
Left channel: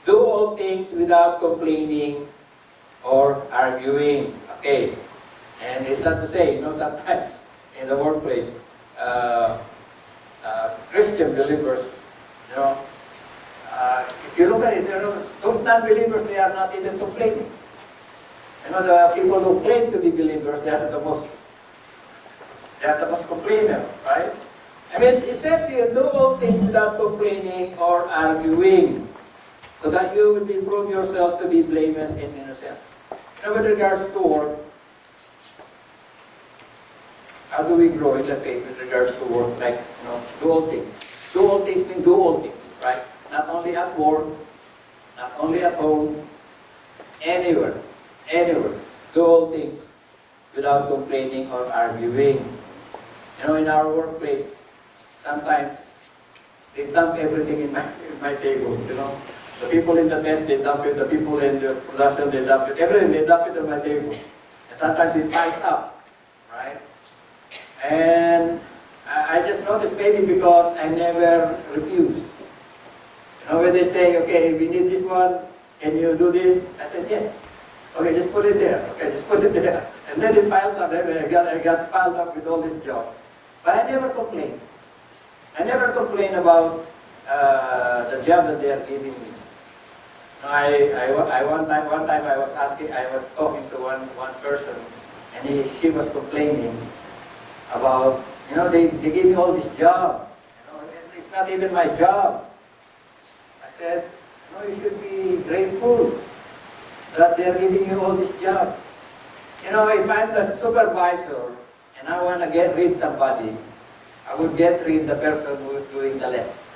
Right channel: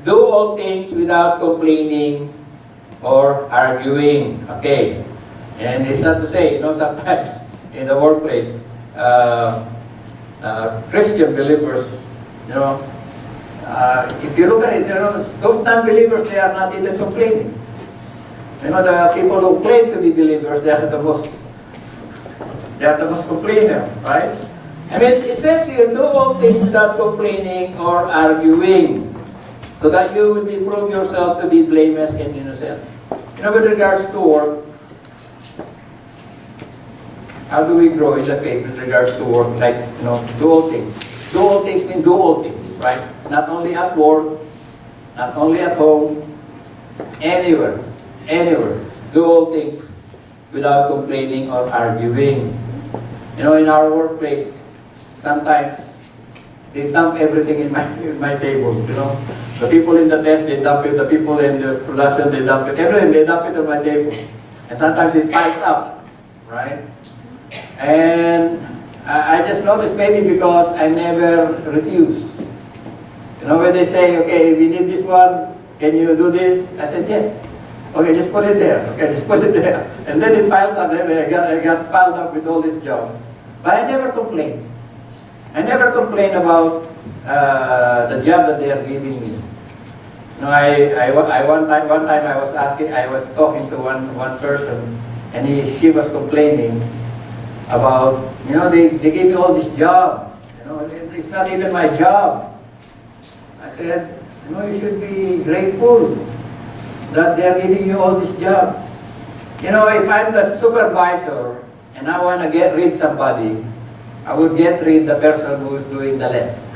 Do all things without complaining or arguing. Okay. And it's sad to say, sometimes in the workplace, Christian believers, if you look at it, those non-believers, they are not even complaining. The people who claim to be believers, they are the most complainer, right? I mean, it says here, do all things without complaining or arguing, so that you will prove yourself to be blameless and innocent. With regards to work, how do we grow in the faith with regards to work? Like, do all things. Do all things means do all things, right? Not only at work, not only at home, anywhere. Anywhere. Do all things without complaining or arguing. In our workplace, sometimes they dump everything in my table, The people in the test, they dump it. The people in the production, they dump it. Everything, they dump it on my table. And sometimes it piles up, right? And I just noticed maybe because I never refuse. When they say, okay, we need this one, can you do this? I said, yes. Okay, just put it there. Okay, just put it there. And then it piles up. I got piled up with all this junk. But I never complain. I never complain about the job that they are giving me. One time I was talking to one person, and she was complaining about, they gave me all this job. It's not even my job. I said, you should be grateful that they are giving you all this job. If I'm the supervisor and I want to get rid of somebody, I would get rid of the person who is doing the less.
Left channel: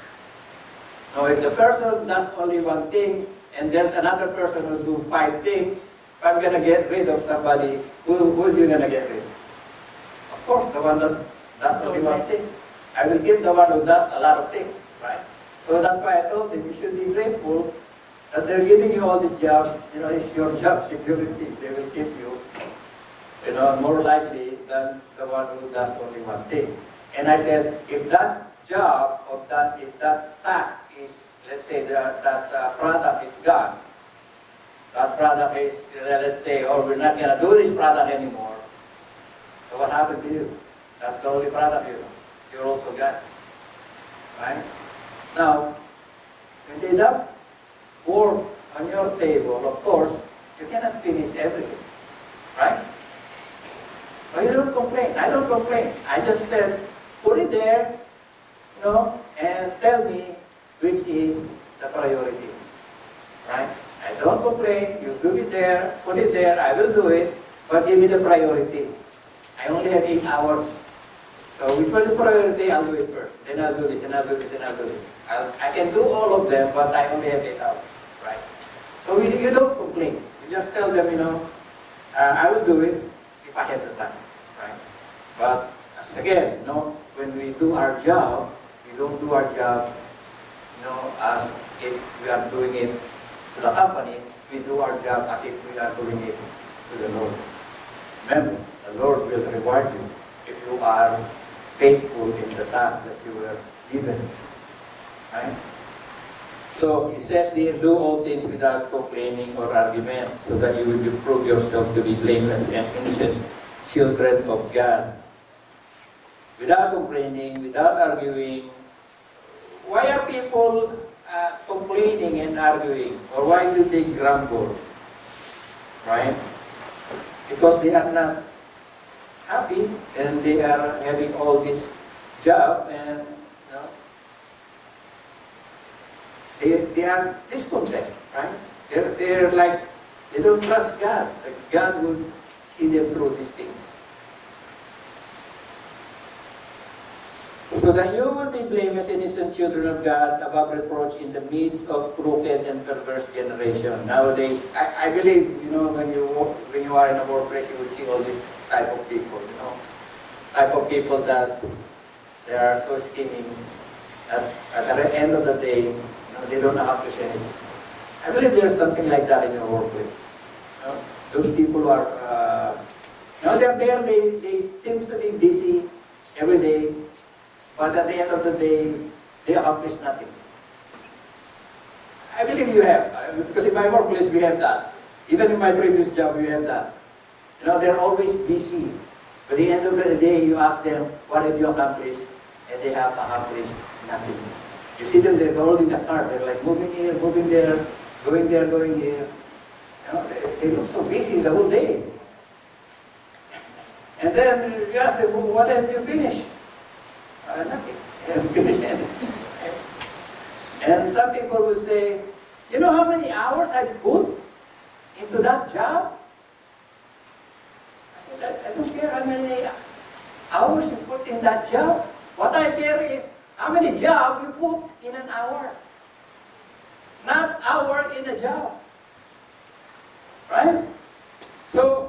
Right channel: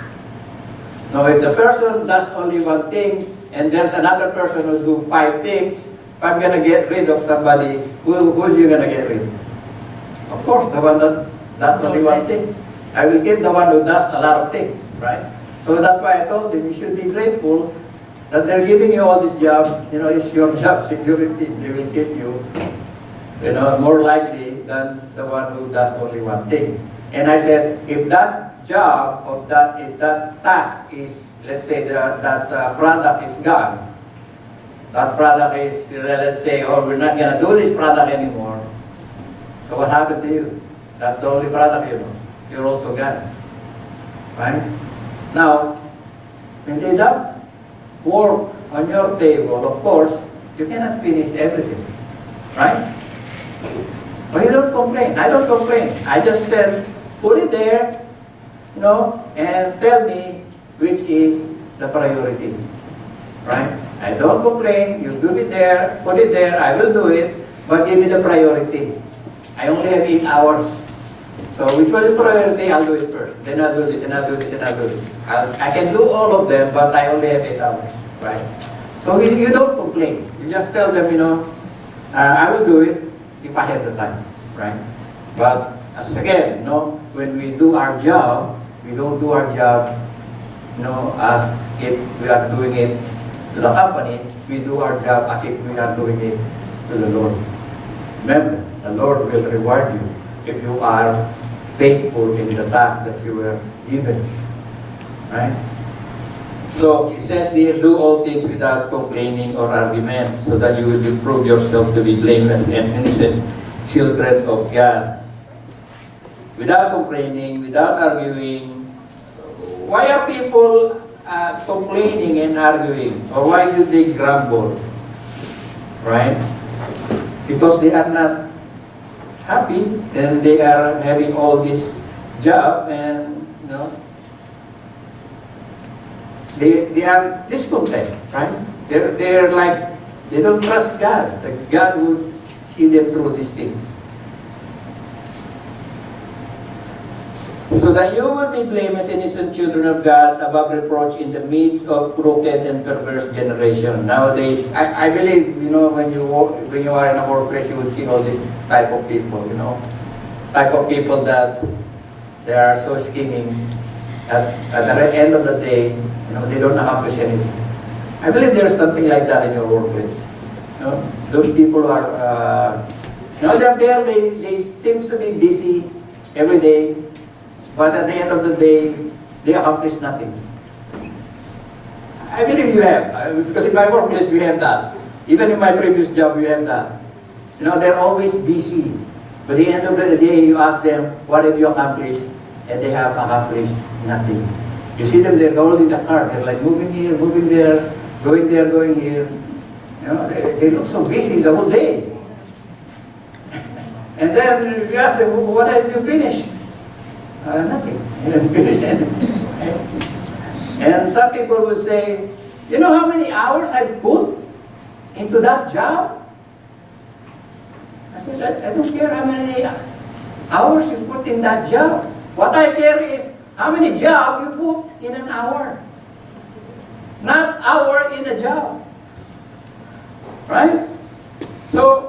Now, if the person does only one thing and there's another person who do 5 things, if I'm going to get rid of somebody, who's you going to get rid? Of course, the one that does only one thing. I will keep the one who does a lot of things, right? So that's why I told him you should be grateful that they're giving you all this job. It's your job security. They will keep you, more likely than the one who does only one thing. And I said, if that job or if that task is, let's say that product is gone, that product is, let's say, we're not going to do this product anymore. So what happened to you? That's the only product you know. You're also gone. Right? Now, when they dump work on your table, of course, you cannot finish everything. Right? But you don't complain. I don't complain. I just said, put it there, and tell me which is the priority. Right? I don't complain. You do it there, put it there, I will do it, but give me the priority. I only have 8 hours. So which one is priority? I'll do it first. Then I'll do this, and I'll do this, and I'll do this. I can do all of them, but I only have 8 hours. Right? So you don't complain. You just tell them, I will do it if I have the time. Right? But as again, when we do our job, we don't do our job, as if we are doing it to the company. We do our job as if we are doing it to the Lord. Remember, the Lord will reward you if you are faithful in the task that you were given. Right? So, it says here, do all things without complaining or argument, so that you will prove yourself to be blameless and innocent children of God. Without complaining, without arguing. Why are people complaining and arguing? Or why do they grumble? Right? Because they are not happy and they are having all this job and, you know, they are discontent, right? They're like, they don't trust God, that God would see them through these things. So that you will be blameless, innocent children of God, above reproach in the midst of crooked and perverse generation. Nowadays, I believe, you know, when you are in a workplace, you will see all this type of people, you know, type of people that they are so scheming. At the end of the day, you know, they don't accomplish anything. I believe there's something like that in your workplace. You know, those people are, you know, they're there. They seem to be busy every day. But at the end of the day, they accomplish nothing. I believe you have, because in my workplace we have that. Even in my previous job, we have that. You know, they're always busy. But at the end of the day, you ask them, what have you accomplished? And they have accomplished nothing. You see them, they're holding the car. They're like moving here, moving there, going here. You know, they look so busy the whole day. And then you ask them, what have you finished? Nothing. You didn't finish anything. Right? And some people will say, you know how many hours I put into that job? I said, I don't care how many hours you put in that job. What I care is how many jobs you put in an hour. Not hour in a job. Right? So,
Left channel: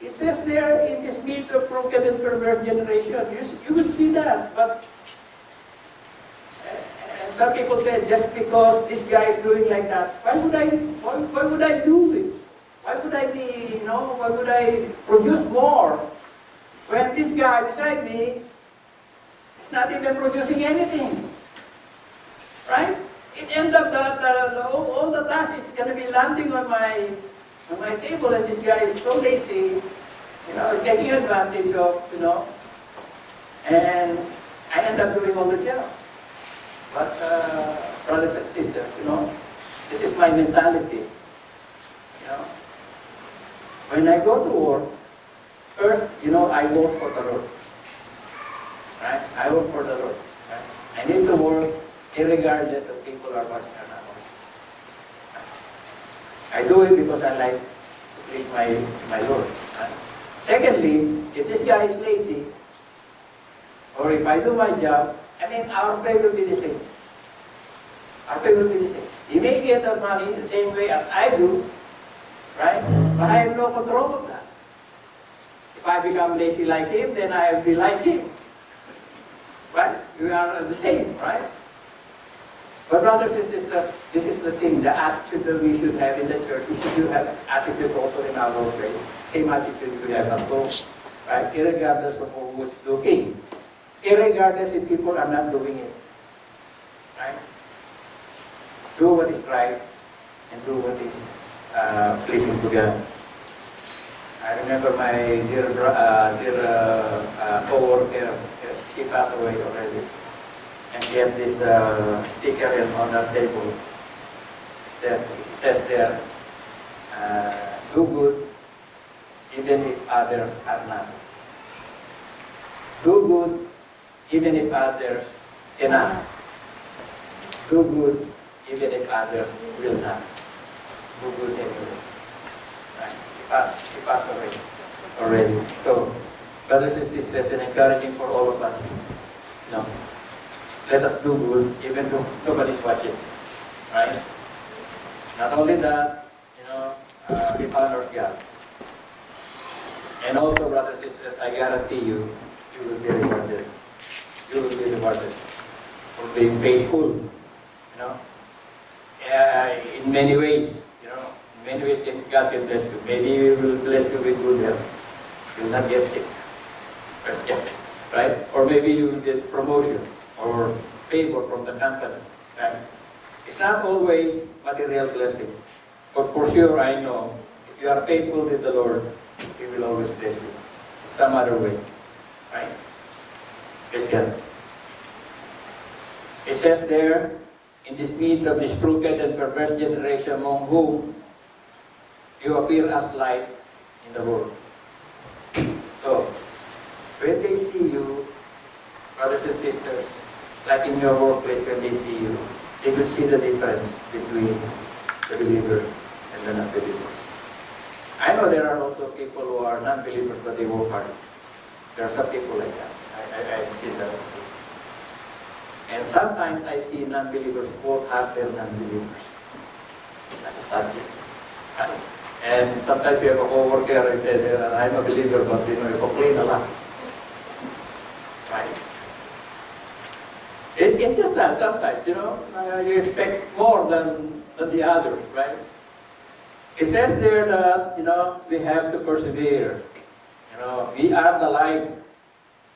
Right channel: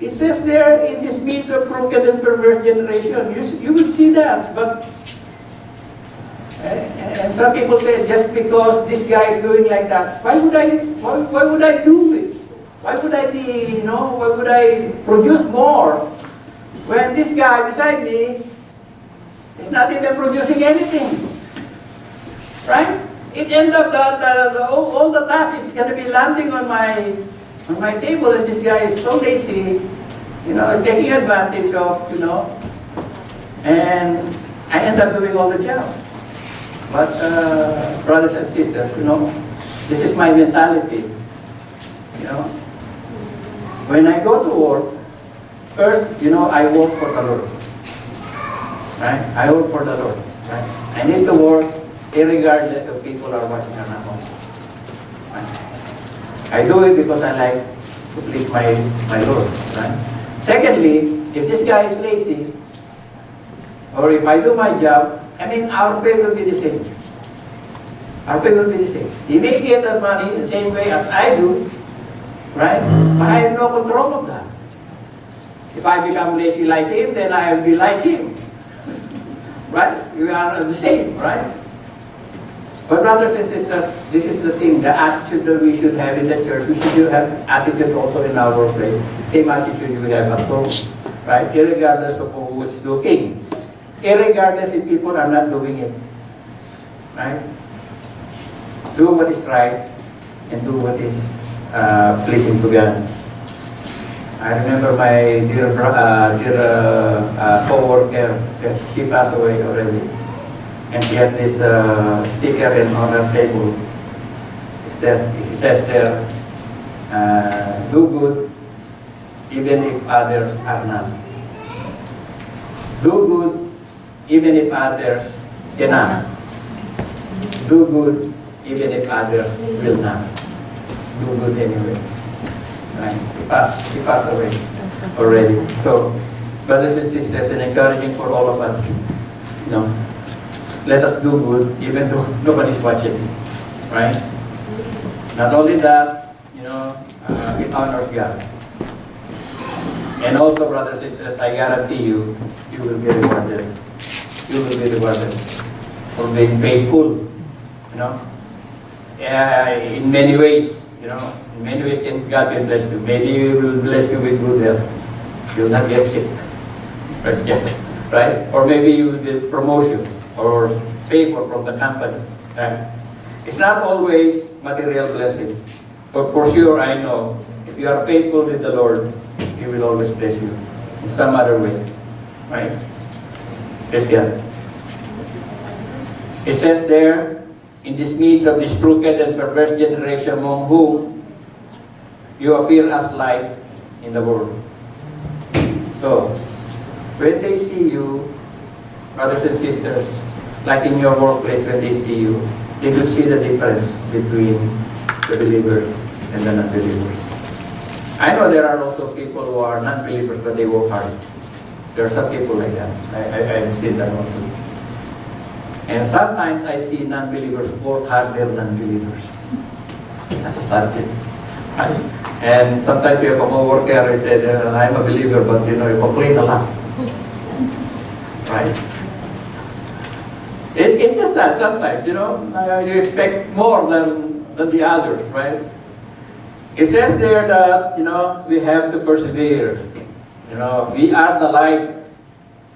it says there, in this midst of crooked and perverse generation, you will see that. But, and some people say, just because this guy is doing like that, why would I do it? Why would I be, you know, why would I produce more when this guy beside me is not even producing anything? Right? It ends up that all the tasks is going to be landing on my table, and this guy is so lazy, you know, is taking advantage of, you know, and I end up doing all the job. But brothers and sisters, you know, this is my mentality. You know, when I go to work, first, you know, I work for the Lord. Right? I work for the Lord. Right? I need to work irregardless of people are watching or not watching. Right? I do it because I like to please my Lord. Right? Secondly, if this guy is lazy, or if I do my job, I mean, our pay will be the same. Our pay will be the same. He may get that money the same way as I do, right? But I have no control of that. If I become lazy like him, then I will be like him. Right? We are the same, right? But brothers and sisters, this is the thing, the attitude that we should have in the church. We should have attitude also in our workplace. Same attitude we have at home, right? Irregardless of who is looking. Irregardless if people are not doing it. Right? Do what is right and do what is pleasing to God. I remember my dear co-worker, she passed away already. And she has this sticker on her table. It says there, do good even if others are not. Do good even if others cannot. Do good even if others will not. Do good anyway. Right? He passed away already. So, brothers and sisters, and encouraging for all of us, you know, let us do good even though nobody's watching. Right? Not only that, you know, it honors God. And also, brothers and sisters, I guarantee you, you will be rewarded. You will be rewarded for being faithful. You know, in many ways, you know, in many ways God can bless you. Maybe He will bless you with good health. You'll not get sick. Praise God. Right? Or maybe you will get promotion or favor from the company. Right? It's not always material blessing. But for sure, I know, if you are faithful with the Lord, He will always bless you in some other way. Right? Praise God. It says there, in this midst of this crooked and perverse generation among whom you appear as light in the world. So, when they see you, brothers and sisters, like in your workplace, when they see you, they will see the difference between the believers and the non-believers. I know there are also people who are non-believers, but they work hard. There are some people like that. I've seen that one too. And sometimes I see non-believers work harder than believers. That's a sad thing. Right? And sometimes we have a co-worker who said, I'm a believer, but you complain a lot. Right? It's just sad sometimes, you expect more than the others, right? It says there that, we have to persevere. We are the light.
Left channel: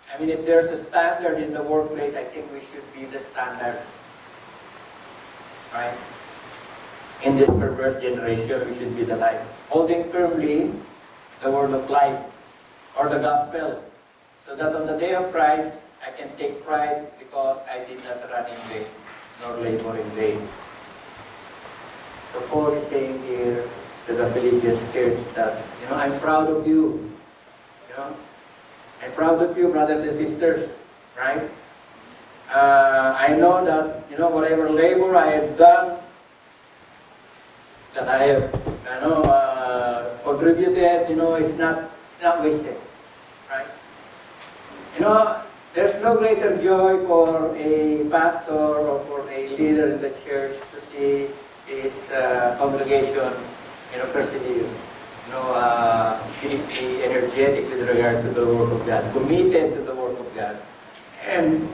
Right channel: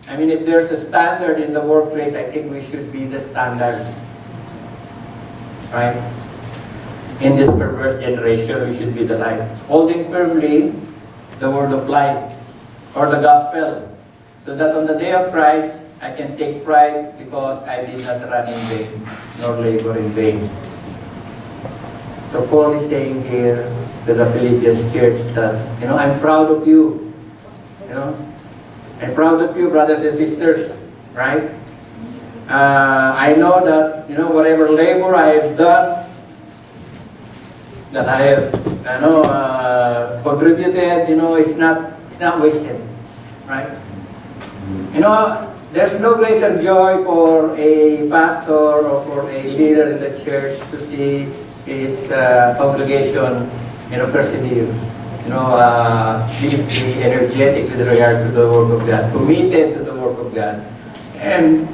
I mean, if there's a standard in the workplace, I think we should be the standard. Right? In this perverse generation, we should be the light. Holding firmly the word of life or the gospel, so that on the day of Christ, I can take pride because I did not run in vain, nor labor in vain. So Paul is saying here to the Philippians church that, I'm proud of you. I'm proud of you, brothers and sisters, right? I know that, whatever labor I have done, that I have, contributed, it's not wasted, right? There's no greater joy for a pastor or for a leader in the church to see his congregation, persevere. Be energetic with regards to the work of God, committed to the work of God, and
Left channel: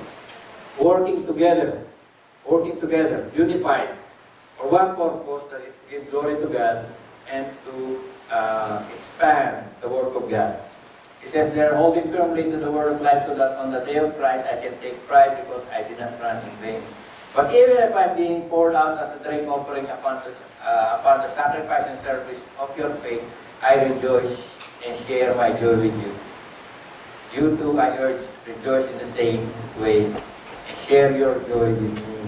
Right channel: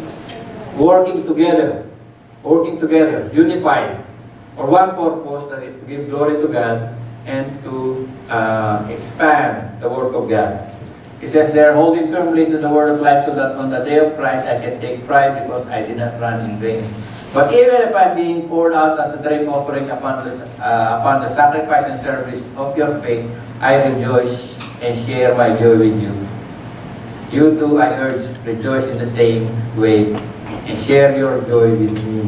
working together, unified, for one purpose, that is to give glory to God and to expand the work of God. He says they're holding firmly to the word of life, so that on the day of Christ I can take pride because I did not run in vain. But even if I'm being poured out as a drink offering upon the sacrifice and service of your faith, I rejoice and share my joy with you. You too, I urge, rejoice in the same way and share your joy with me.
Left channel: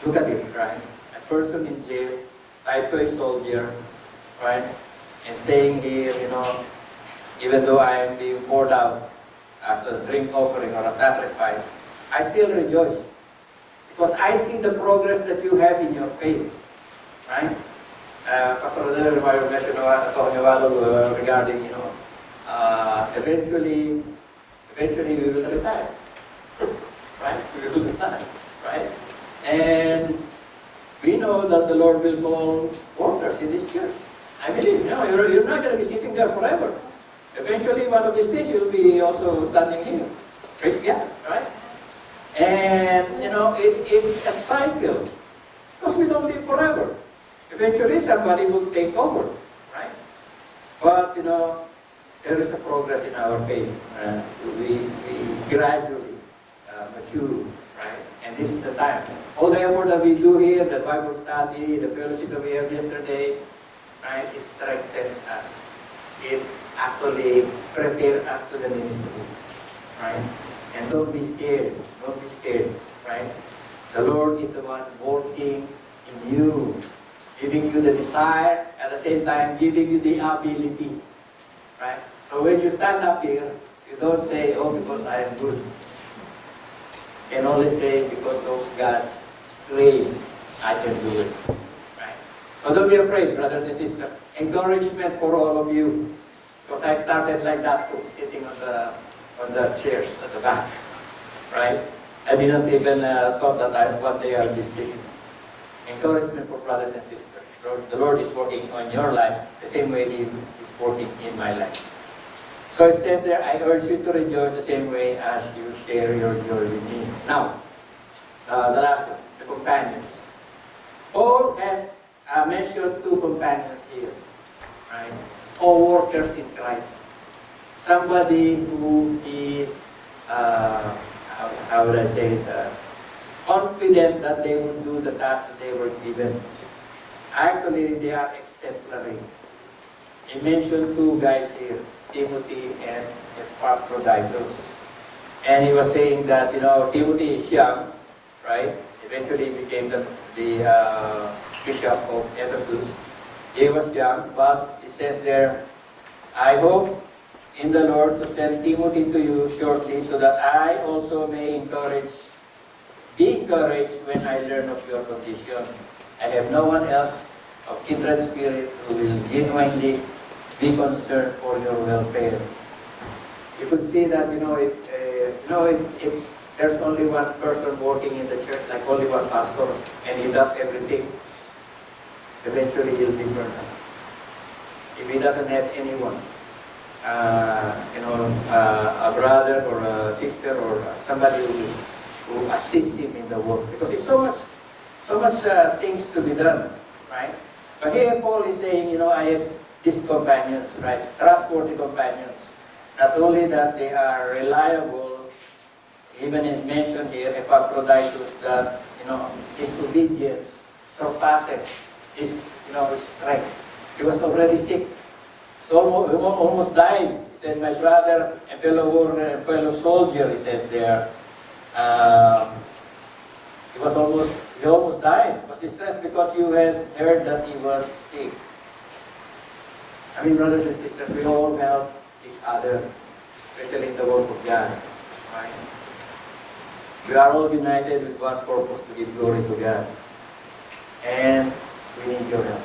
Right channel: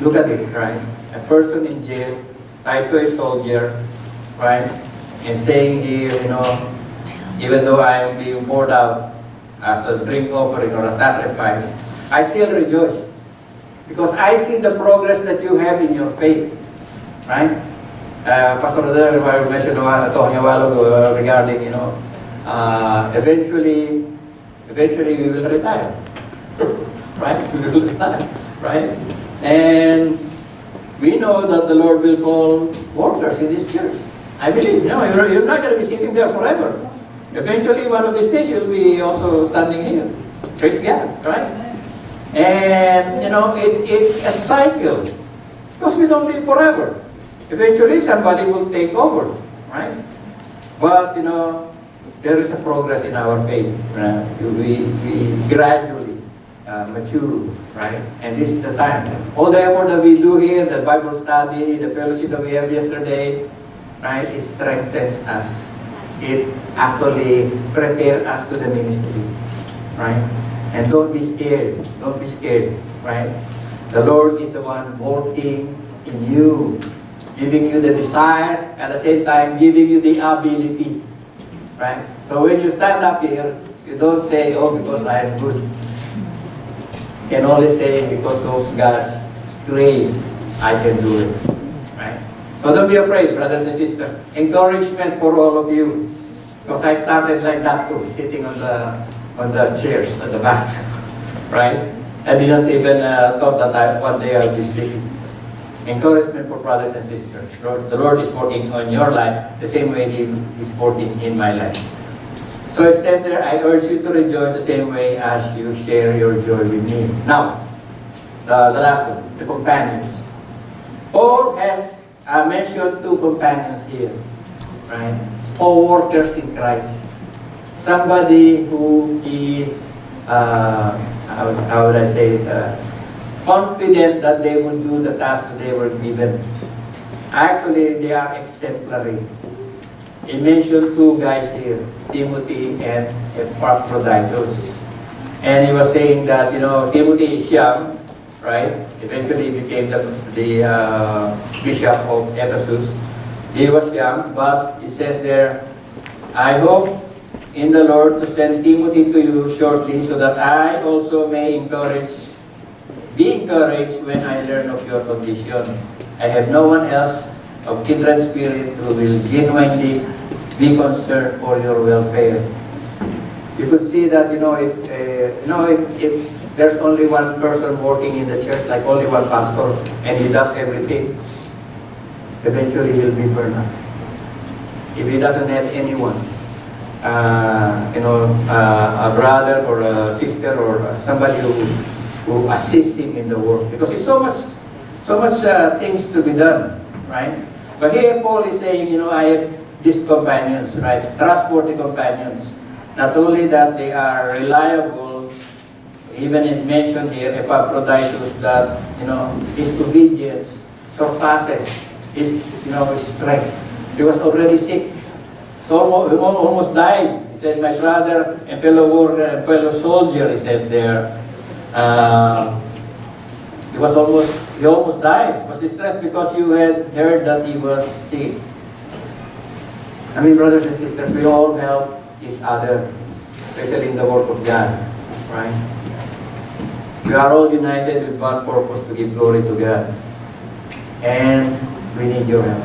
Look at it, right? A person in jail, tied to a soldier, right? And saying here, even though I am being poured out as a drink offering or a sacrifice, I still rejoice. Because I see the progress that you have in your faith. Right? Pastor Adel mentioned talking a while ago regarding, eventually we will retire. Right? We will retire. Right? And we know that the Lord will call workers in this church. I believe, you're not going to be sitting there forever. Eventually, one of these days, you'll be also standing here. Praise God, right? And, it's a cycle. Because we don't live forever. Eventually, somebody will take over, right? But, there is a progress in our faith. We gradually mature, right? And this is the time. All the effort that we do here, the Bible study, the fellowship that we have yesterday, right, it strengthens us. It actually prepares us to the ministry, right? And don't be scared. Don't be scared, right? The Lord is the one working in you, giving you the desire, at the same time giving you the ability, right? So when you stand up here, you don't say, oh, because I am good. You can only say, because of God's grace, I can do it, right? So don't be afraid, brothers and sisters. Encouragement for all of you. Because I started like that too, sitting on the chairs at the back, right? I didn't even thought that one day I'll be speaking. Encouragement for brothers and sisters. The Lord is working on your life the same way He is working in my life. So it says there, I urge you to rejoice the same way as you share your joy with me. Now, the last one, the companions. Paul has mentioned two companions here, right? Co-workers in Christ. somebody who is, how would I say it, confident that they will do the tasks they were given. Actually, they are exemplary. He mentioned two guys here, Timothy and Epaphroditus. And he was saying that, Timothy is young, right? Eventually he became the bishop of Ephesus. He was young, but he says there, I hope in the Lord to send Timothy to you shortly so that I also may be encouraged when I learn of your condition. I have no one else of kindred spirit who will genuinely be concerned for your welfare. You could see that, if there's only one person working in the church, like only one pastor, and he does everything, eventually he'll be burned out. If he doesn't have anyone, a brother or a sister or somebody who assists him in the work, because it's so much things to be done, right? But here Paul is saying, I have these companions, right? Trustworthy companions. Not only that they are reliable, even it mentioned here, Epaphroditus, that, his obedience surpasses his, strength. He was already sick. So he almost died. He said, my brother and fellow worker and fellow soldier, he says there. He almost died. He was distressed because you had heard that he was sick. I mean, brothers and sisters, we all help each other, especially in the work of God, right? We are all united with one purpose, to give glory to God. And we need your help.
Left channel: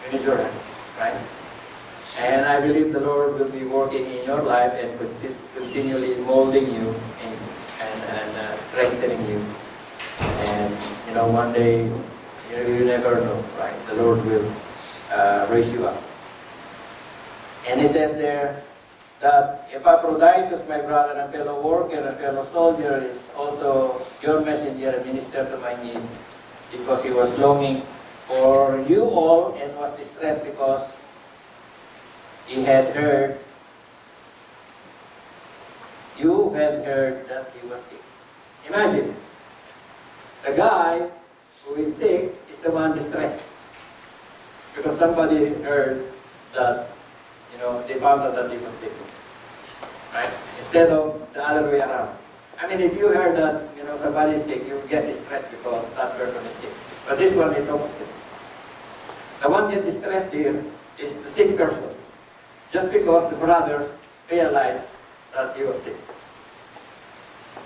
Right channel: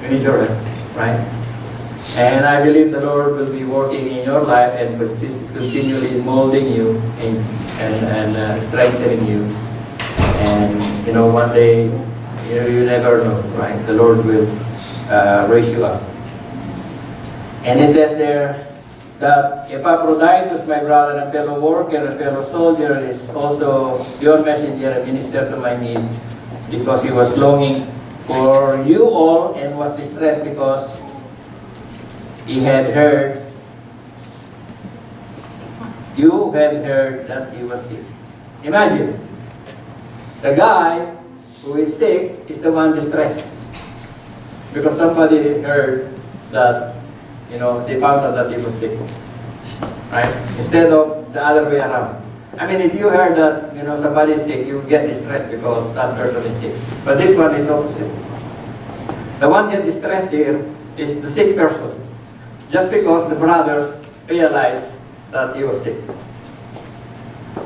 We need your help, right? And I believe the Lord will be working in your life and continually molding you and strengthening you. And, one day, you never know, right? The Lord will raise you up. And it says there that Epaphroditus, my brother and fellow worker and fellow soldier, is also your messenger and minister to my need, because he was longing for you all and was distressed because he had heard, you had heard that he was sick. Imagine, the guy who is sick is the one distressed because somebody heard that, they found out that he was sick, right? Instead of the other way around. I mean, if you heard that, somebody is sick, you get distressed because that person is sick. But this one is opposite. The one get distressed here is the sick person, just because the brothers realized that he was sick.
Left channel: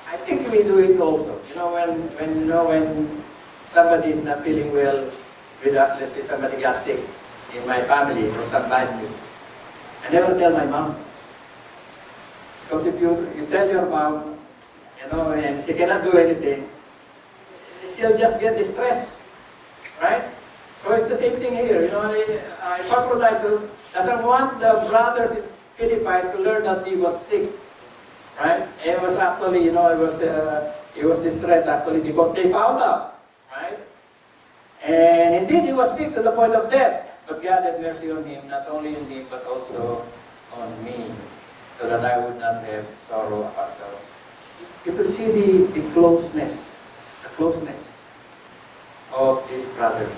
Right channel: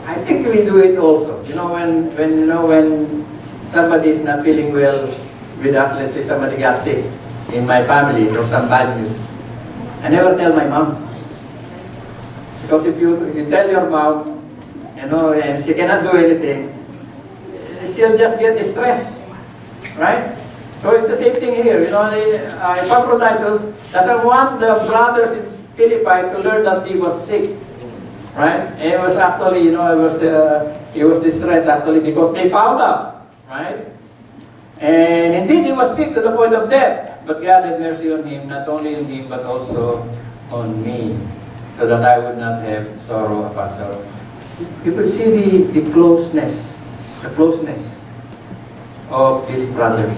I think we do it also. When somebody is not feeling well with us, let's say somebody got sick in my family or some bad news, I never tell my mom. Because if you tell your mom, and she cannot do anything, she'll just get distressed, right? So it's the same thing here. Epaphroditus doesn't want the brothers in Philippi to learn that he was sick, right? And it was actually, he was distressed actually because they found out, right? And indeed, he was sick to the point of death. But God had mercy on him, not only on him, but also on me, so that I would not have sorrow upon sorrow. You could see the closeness of these brothers.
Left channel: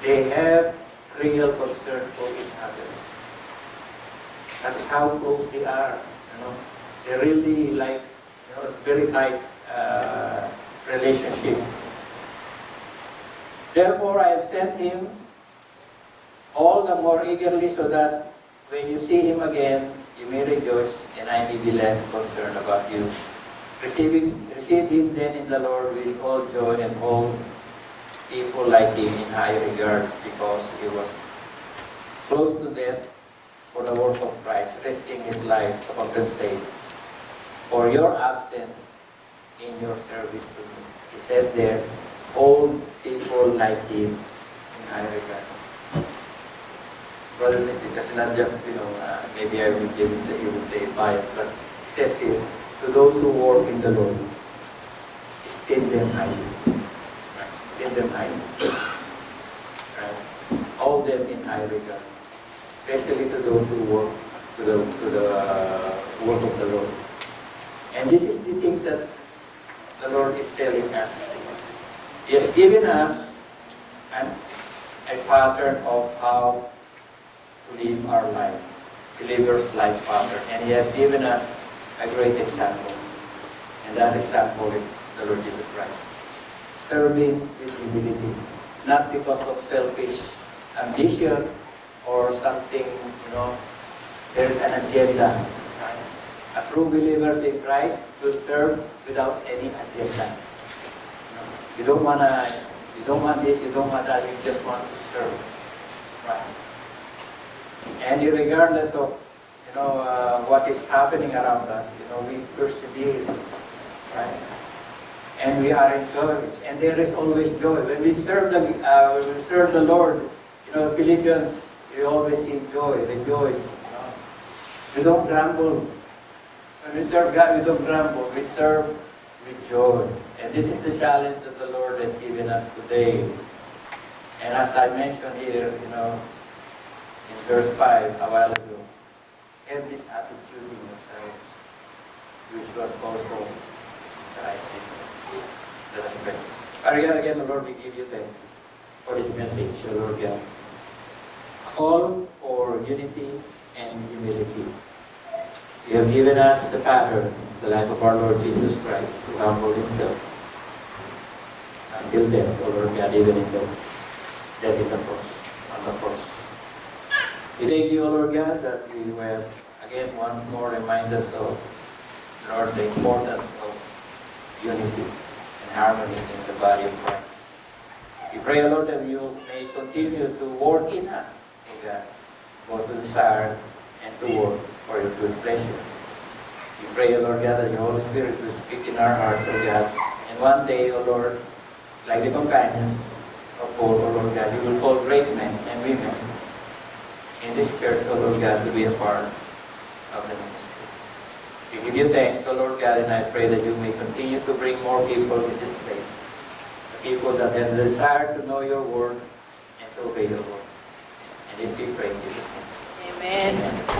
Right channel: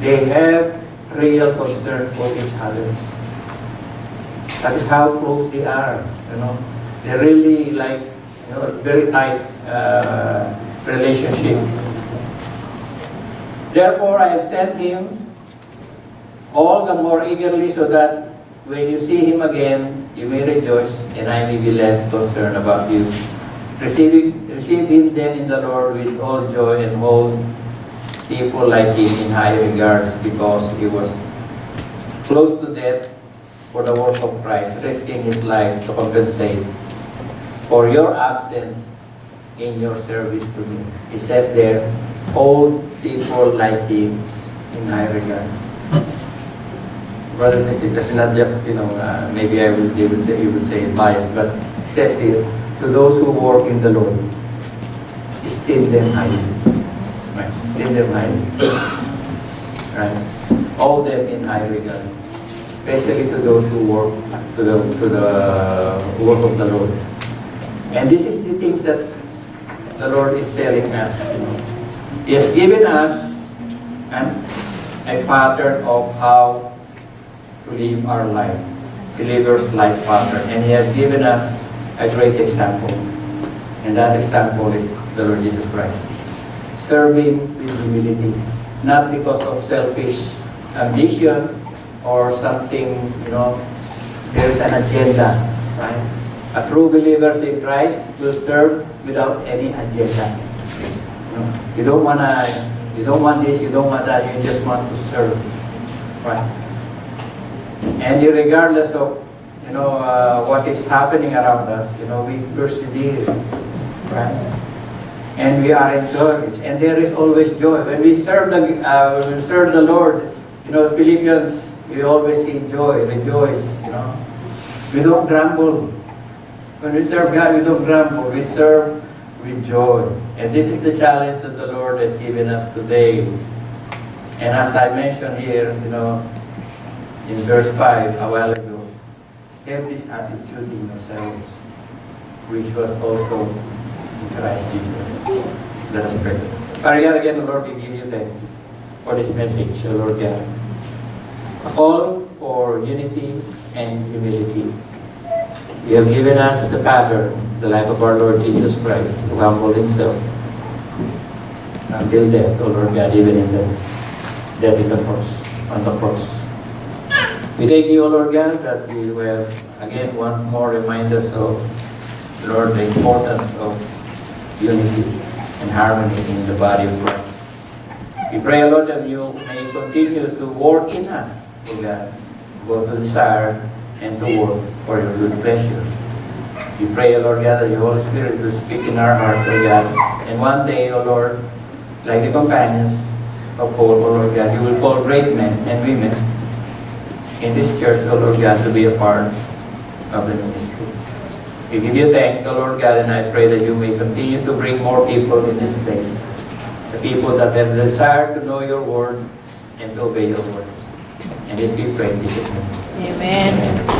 They have real concern for each other. That is how close they are. They're really like, very tight relationship. Therefore, I have sent him all the more eagerly so that when you see him again, you may rejoice and I may be less concerned about you. Receive him then in the Lord with all joy and hold people like him in high regards, because he was close to death for the work of Christ, risking his life to compensate for your absence in your service to me. He says there, hold people like him in high regard. Brothers and sisters, not just, maybe you would say bias, but it says here, to those who work in the Lord, esteem them highly. Right? Esteem them highly. Right? Hold them in high regard. especially to those who work to the work of the Lord. And this is the things that the Lord is telling us. He has given us a pattern of how to live our life, believer's life pattern, and He has given us a great example. And that example is the Lord Jesus Christ. Serving with humility, not because of selfish ambition or something, there is an agenda, right? A true believer in Christ will serve without any agenda. You don't want this, you don't want that, you just want to serve, right? And regardless of what is happening around us, we persevere, right? And we are encouraged, and there is always joy when we serve the Lord. Philippians, we always see joy, rejoice. We don't grumble. When we serve God, we don't grumble. We serve with joy. And this is the challenge that the Lord has given us today. And as I mentioned here, in verse 5 a while ago, have this attitude in yourselves, which was also in Christ Jesus. Let us pray. Father God, again, Lord, we give you thanks for this message, Lord God. A call for unity and humility. You have given us the pattern, the life of our Lord Jesus Christ, who humbled Himself until death, O Lord God, even in the death on the cross. We thank you, O Lord God, that you have, again, one more remind us of, Lord, the importance of unity and harmony in the body of Christ. We pray, O Lord, that you may continue to work in us, O God, both to desire and to work for your good pleasure. We pray, O Lord God, that the Holy Spirit will speak in our hearts, O God. And one day, O Lord, like the companions of Paul, O Lord God, you will call great men and women in this church, O Lord God, to be a part of the ministry. We give you thanks, O Lord God, and I pray that you may continue to bring more people in this place. The people that have the desire to know your word and to obey your word. And this we pray in Jesus' name. Amen.